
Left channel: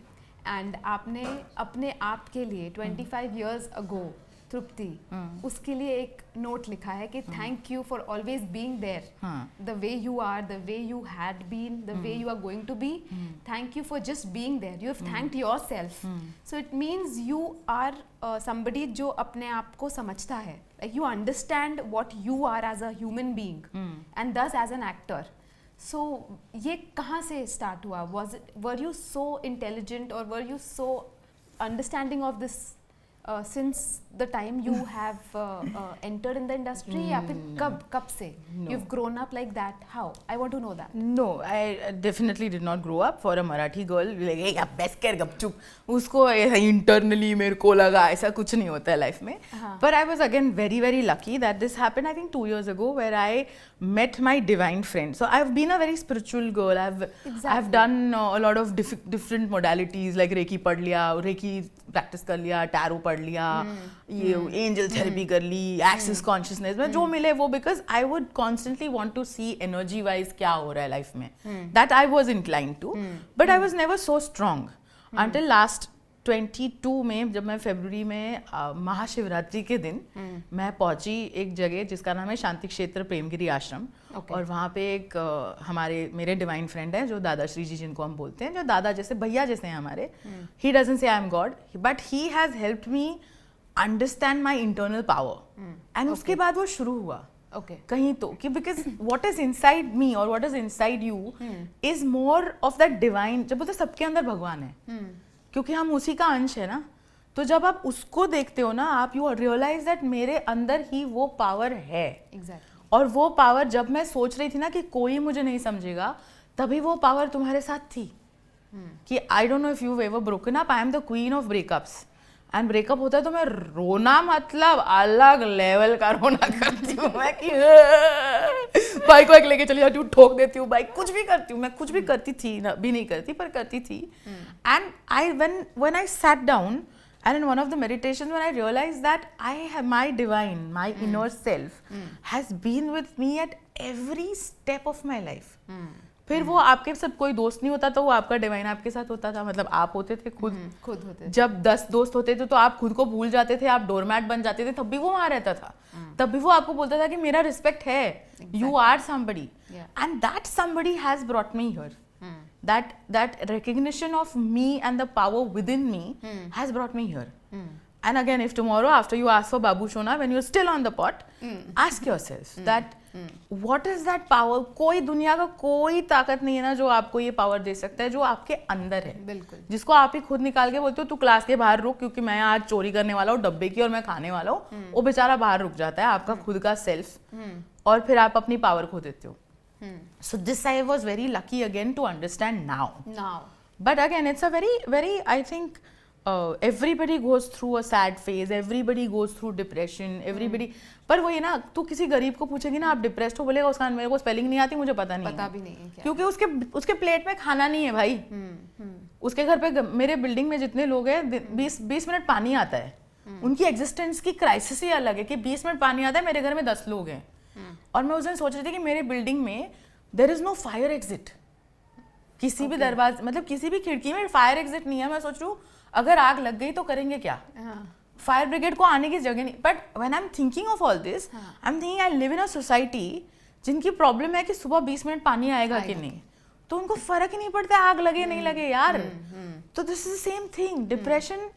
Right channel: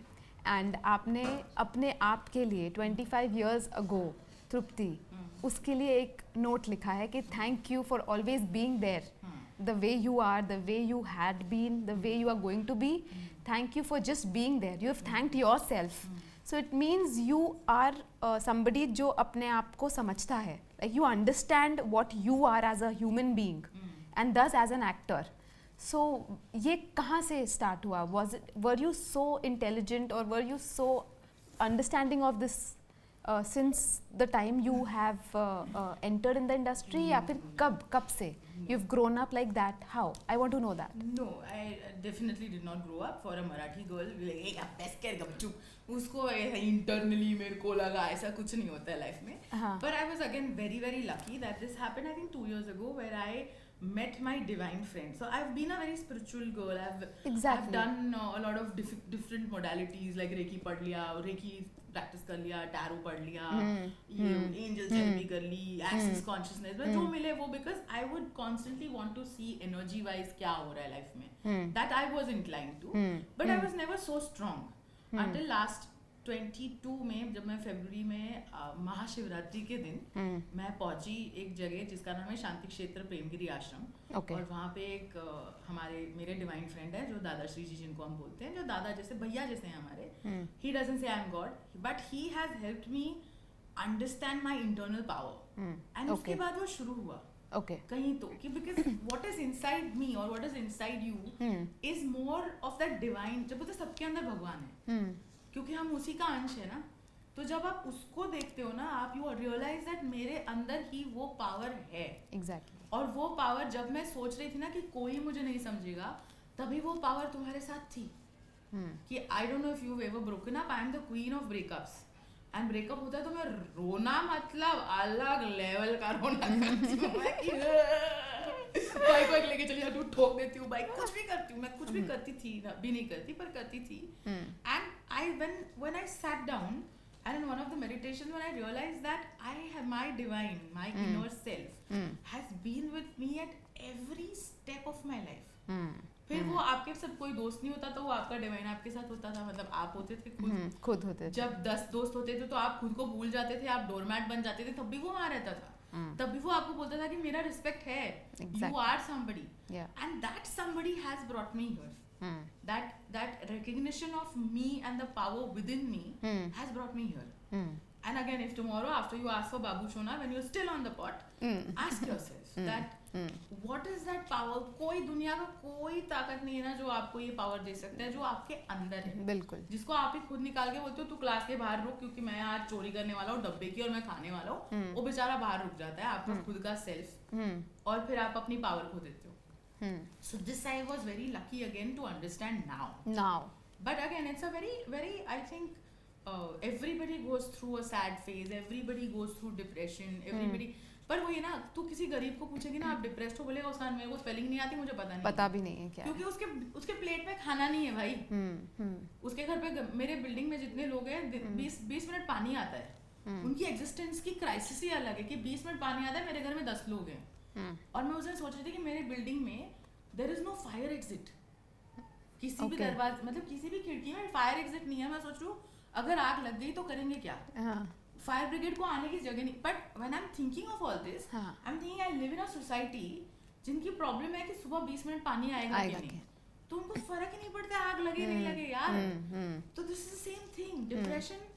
एंड आपने अपने आप के लिए 25 years ago तृप्ति उसके लिए एक नोट लिखा है कि thank you for always being there, the way you are, the way you had been, the way you are going to be, thank you for just being there, you have thanked yourself. So it means you are somebody जो अपने आप को समझता है, like you understand what you are as a human being and thus as an actor. सो ये कहाँ से स्टार्ट हुआ? वर यू सो इंटेलिजेंट और were you so understanding of this since the time you have entered in the industry, या फिर कब से you've grown up like that? How? I want to know that. No, I definitely did not grow up for a Marathi girl. Like, hey, अब बस कर गपचुप. उसको internally मेरे को लगा ऐसा कुछ नहीं होता है life में. But I was again very very lucky that this happened. I think 2 years ago where I met my divine friend. So I've been a very spiritual girl. I've done a lot of different modalities like Reiki पढ़ लिया, Reiki practice कर लिया, tarot पढ़ लिया, ये angel therapy कर ली, access consciousness में जो मिले वो, because I would constantly want to see energy wise क्या हो रहा है लाइफ में. That I was inclined to, but I was never so strong until last 22 में, जब मैं फरवरी में महाशिवरात्रि के दिन मैं पहुंची एक जगह जिसका नाम है शांति क्षेत्र प्रेमगिरी आश्रम. और वहाँ पे एक मेरे डिवाइन फ्रेंड है जो दादा श्री जी जिनको हम बोलते हैं, जो दादा जैसे भैया जैसे हैं हमारे. He doesn't say I am God, but he has helped me understand my internal power. And उसके बाद वो शुरू हुआ कहीं तो कि because what is inside me और what is inside you is more of that divine. जब बोलते सबके अंदर भगवान है, क्योंकि हम उसी का अंश है ना, तो जब आप उसको देखते हो ना, आप यू रियलाइज दैट मेरे अंदर ही वो पावर है. Exactly. और वो पावर जब मैं सोच रही थी ना कि कोई मुझे नहीं समझेगा, तभी वो पावर तुम्हारे साथ थी. कि I don't know if you ever broken up, I am the queen of breakups. And breakup होता है तो मैं रोना, मतलब अलग लेवल का रोना करती हूँ मैं कि बाइक वाइक लेके चली जाती हूँ, ठोक देती हूँ बाइक, कुछ भी करती हूँ मैं, कुछ भी करती थी ना, भी नहीं करती पर करती थी. And I when I sat down and in one of the meditations when I realized that I have my divine, my inner self has been with me at every step of my life. फिर वो आपके सब कोई दोस्त नहीं होता तो वो आपका डिवाइन आपके साथ होता था. मतलब आप होते थे खुद होते. जब 10 दोस्त होते थे तो आप खुद को भूल जाते थे, आप डोरमैट बन जाते थे, तब भी वो वहाँ रहता था. तब भी वो आपको बोलता था कि मेरा रिस्पेक्ट है, you are somebody, and that somebody has brought me here. That recognition of me and the power within me has brought me here. And again, if tomorrow after you ask for Babu Shona, when you're still on the pot, ask yourself that what is that power? कोई दुनिया का कोई ताकत नहीं है ना जो आपको ये पावर दे सकता है, जो आपके अंदर है. बिल्कुल. जिसको आप ही खुद निकाल के बोलते हो तू क्लास के बाहर रुक क्योंकि मैं आज चोरी करने वाला हूँ डब्बे की और मैं खाने वाला हूँ, वो बेचारा बाहर रुक जाता है, आपका खुद का सेल्फ, और फिर आप अपनी पावर खो देते हो. So this I was very lucky again to understand now. But again, it's a very I think everybody goes through a sad phase, everybody goes through depression, everybody. पर वो ये ना, तू किसी गरीब को पूछेगी ना आप डिप्रेस्ड हो, बोलेगा उसका मेरे को स्पेलिंग नहीं आती, मुझे पता भी नहीं है क्या, क्योंकि उसके प्लेट में खाना नहीं है भाई. उसके घर पे, मेरे बिल्डिंग में जितने लोग हैं 20 मिनट पानी आता है, उनकी एग्जिस्टेंस की क्राइसिस ही अलग है कि 20 मिनट पानी आता है, मेरे घर में 10 लोग हैं. और मैं उस दिन सोच रही थी कि मेरे बिल्डिंग में there is no fire exit, किसी भी दरवाजे, मतलब किसी भी खिड़की में फायर एग्जिट नहीं है. मैं सोच रही हूँ अगर आग लग गई तो करेंगे क्या, फायर ब्रिगेड को आने की जगह नहीं. But when I am thinking of all this, I am thinking I live in a society जिनकी प्रॉब्लम है कि सुबह 20 मिनट पानी आएगा कि नहीं, तो उनको फर्क ही नहीं पड़ता आग लगे नहीं लगे यार. तो this is the same thing. Depression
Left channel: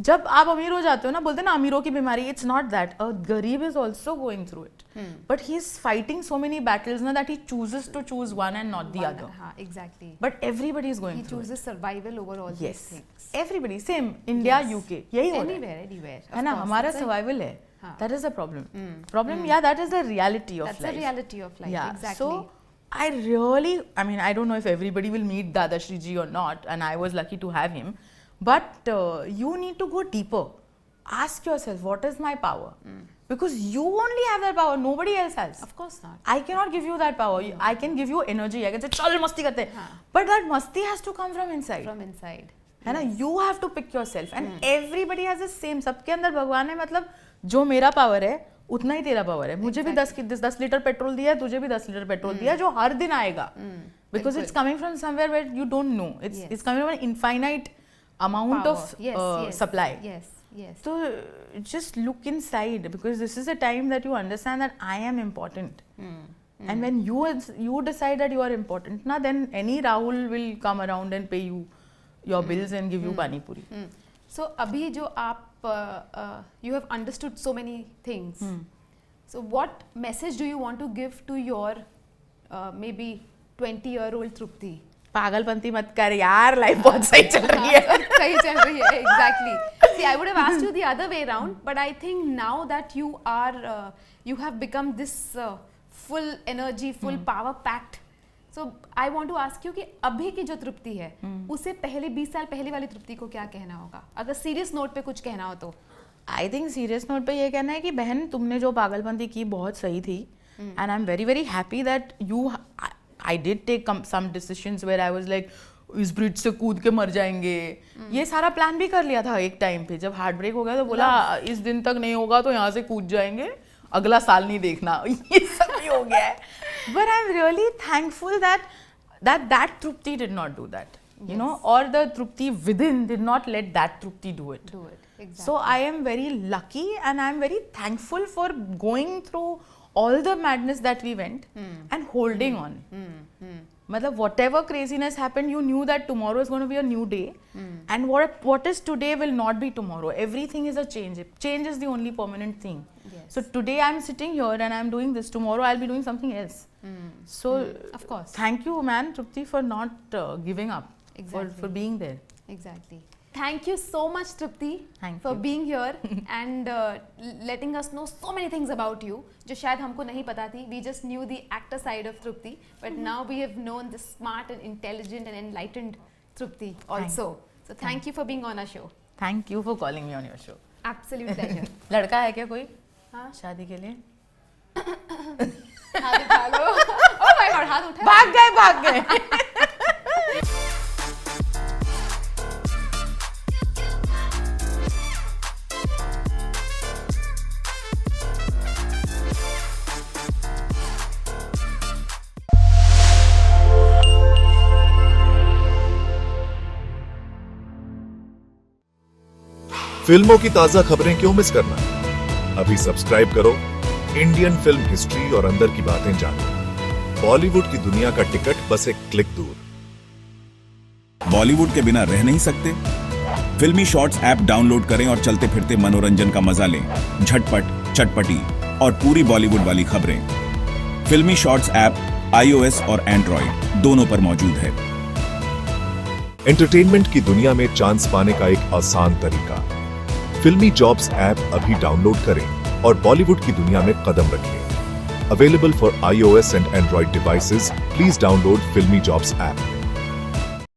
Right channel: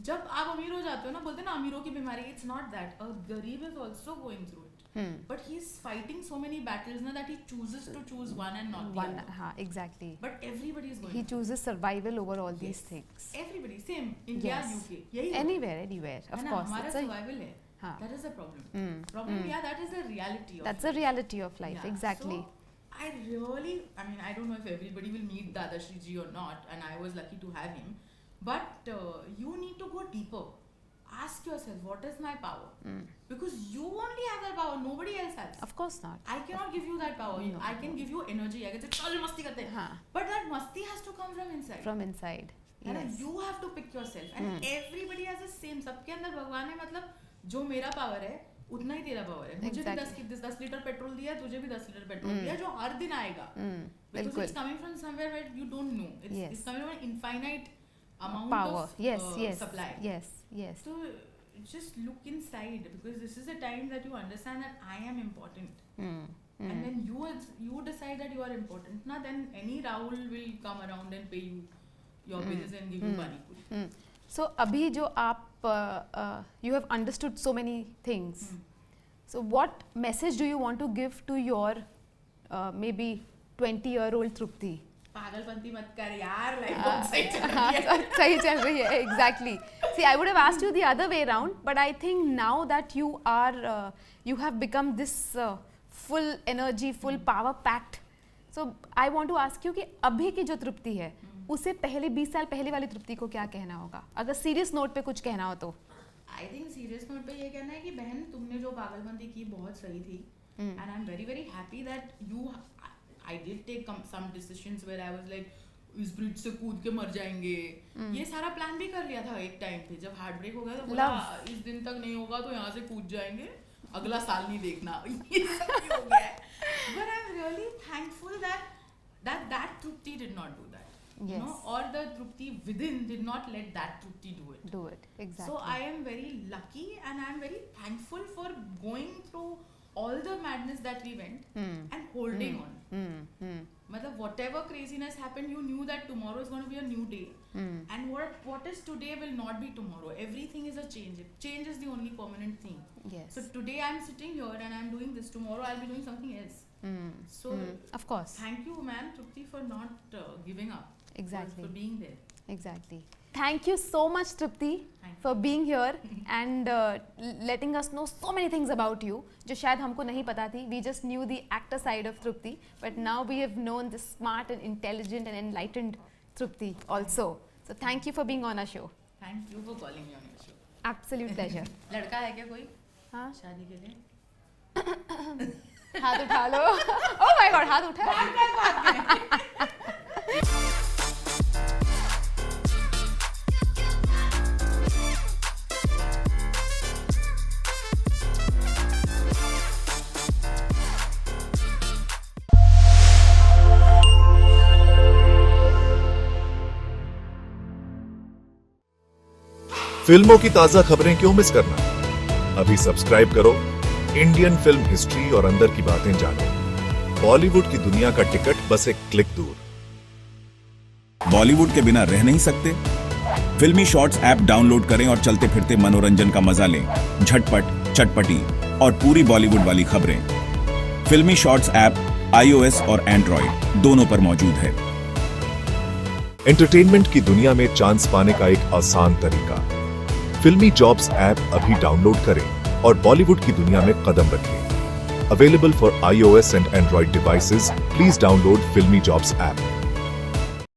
जब आप अमीर हो जाते हो ना, बोलते हैं ना अमीरों की बीमारी, इट्स नॉट दैट, अ गरीब is also going through it, but he is fighting so many battles ना that he chooses to choose one and not the other. हाँ, exactly. But everybody is He going through. chooses survival over all these things. Everybody same, India Yes. UK यही हो रहा है. Anywhere, है ना, of course. हमारा It's a- survival है. हाँ. That is the problem. Yeah, that is the reality of That's life. the reality of life, Yeah. exactly. So I really, I mean, I don't know if everybody will meet Dadashri ji or not, and I was lucky to have him. But you need to go deeper. Ask yourself, what is my power? Because you only have that power. Nobody else has. Of course not. I cannot give you that power. I can give you energy. I can say, चल मस्ती करते हैं. हाँ. But that masti has to come from inside. From inside. है ना, Yes. you have to pick yourself, and everybody has the same. सबके अंदर भगवान है, मतलब जो मेरा पावर है उतना ही तेरा पावर है. मुझे भी 10 लीटर पेट्रोल दिया है, तुझे भी 10 लीटर पेट्रोल दिया है, जो हर दिन आएगा. Because it's coming from somewhere where you don't know. It's coming from an infinite amount Power. of Yes. supply. Yes. So just look inside, because this is a time that you understand that I am important. And when you decide that you are important, na, then any Rahul will come around and pay you your bills and give you pani puri. So अभी जो आप you have understood so many things. So what message do you want to give to your maybe 20-year-old Trupti? पागलपंती मत कर यार, life बहुत सही चल रही है. सही चल रही है, exactly. See, I would have asked you the other way around, but I think now that you are, you have become this full energy, full power packed. So I want to ask you कि अभी की जो तृप्ति है, उसे पहले 20 साल पहले वाली तृप्ति को क्या कहना होगा? अगर सीरियस नोट पे कुछ कहना हो तो? आई थिंक सीरियस नोट पे ये कहना है कि बहन, तुमने जो पागलपंती की बहुत सही थी, and I am very very happy that you. I did take some decisions where I was like, इस ब्रिज से कूद के मर जाएंगे. ये सारा प्लान भी कर लिया था एक टाइम पे. जब हार्ट ब्रेक हो गया तो बोला इस दिन तक नहीं होगा तो यहाँ से कूद जाएंगे, अगला साल नहीं देखना. ये सब भी हो गया है. But I'm really thankful that Trupti did not do that. You know, or the Trupti within did not let that Trupti do it. Exactly. So I am very lucky, and I am very thankful for going through all the madness that we went and holding on. Matlab, whatever craziness happened, you knew that tomorrow is going to be a new day, and what is today will not be tomorrow. Everything is a change. Change is the only permanent thing. Yes. So today I'm sitting here and I'm doing this. Tomorrow I'll be doing something else. So of course. Thank you, man, Trupti, for not giving up. Exactly. For being there. Exactly. Thank you so much, Trupti, for being here and letting us know so many things about you, जो शायद हमको नहीं पता थी. We just knew the actor side of Trupti, but now we have known the smart and intelligent and enlightened Trupti also. So thank you for being on our show. Thank you for calling me on your show. Absolute pleasure. लड़का है क्या कोई? हाँ. शादी के लिए? हाथ उठा लो. Oh my God, हाथ उठा. भाग गए. फिल्मों की ताजा खबरें क्यों मिस करना? अभी सब्सक्राइब करो इंडियन फिल्म हिस्ट्री और अंदर की बातें जानो. बॉलीवुड की दुनिया का टिकट बस एक क्लिक दूर. बॉलीवुड के बिना रह नहीं सकते? फिल्मी शॉर्ट्स ऐप डाउनलोड करें और चलते फिरते मनोरंजन का मजा लें. झटपट, चटपटी और पूरी बॉलीवुड वाली खबरें. फिल्मी शॉर्ट्स ऐप iOS और एंड्रॉइड दोनों पर मौजूद है. एंटरटेनमेंट की दुनिया में चांस पाने का एक आसान तरीका. फिल्मी जॉब्स ऐप अभी डाउनलोड करें और बॉलीवुड की दुनिया में कदम रखें. Available for iOS and Android devices. Please download Filmy Jobs app.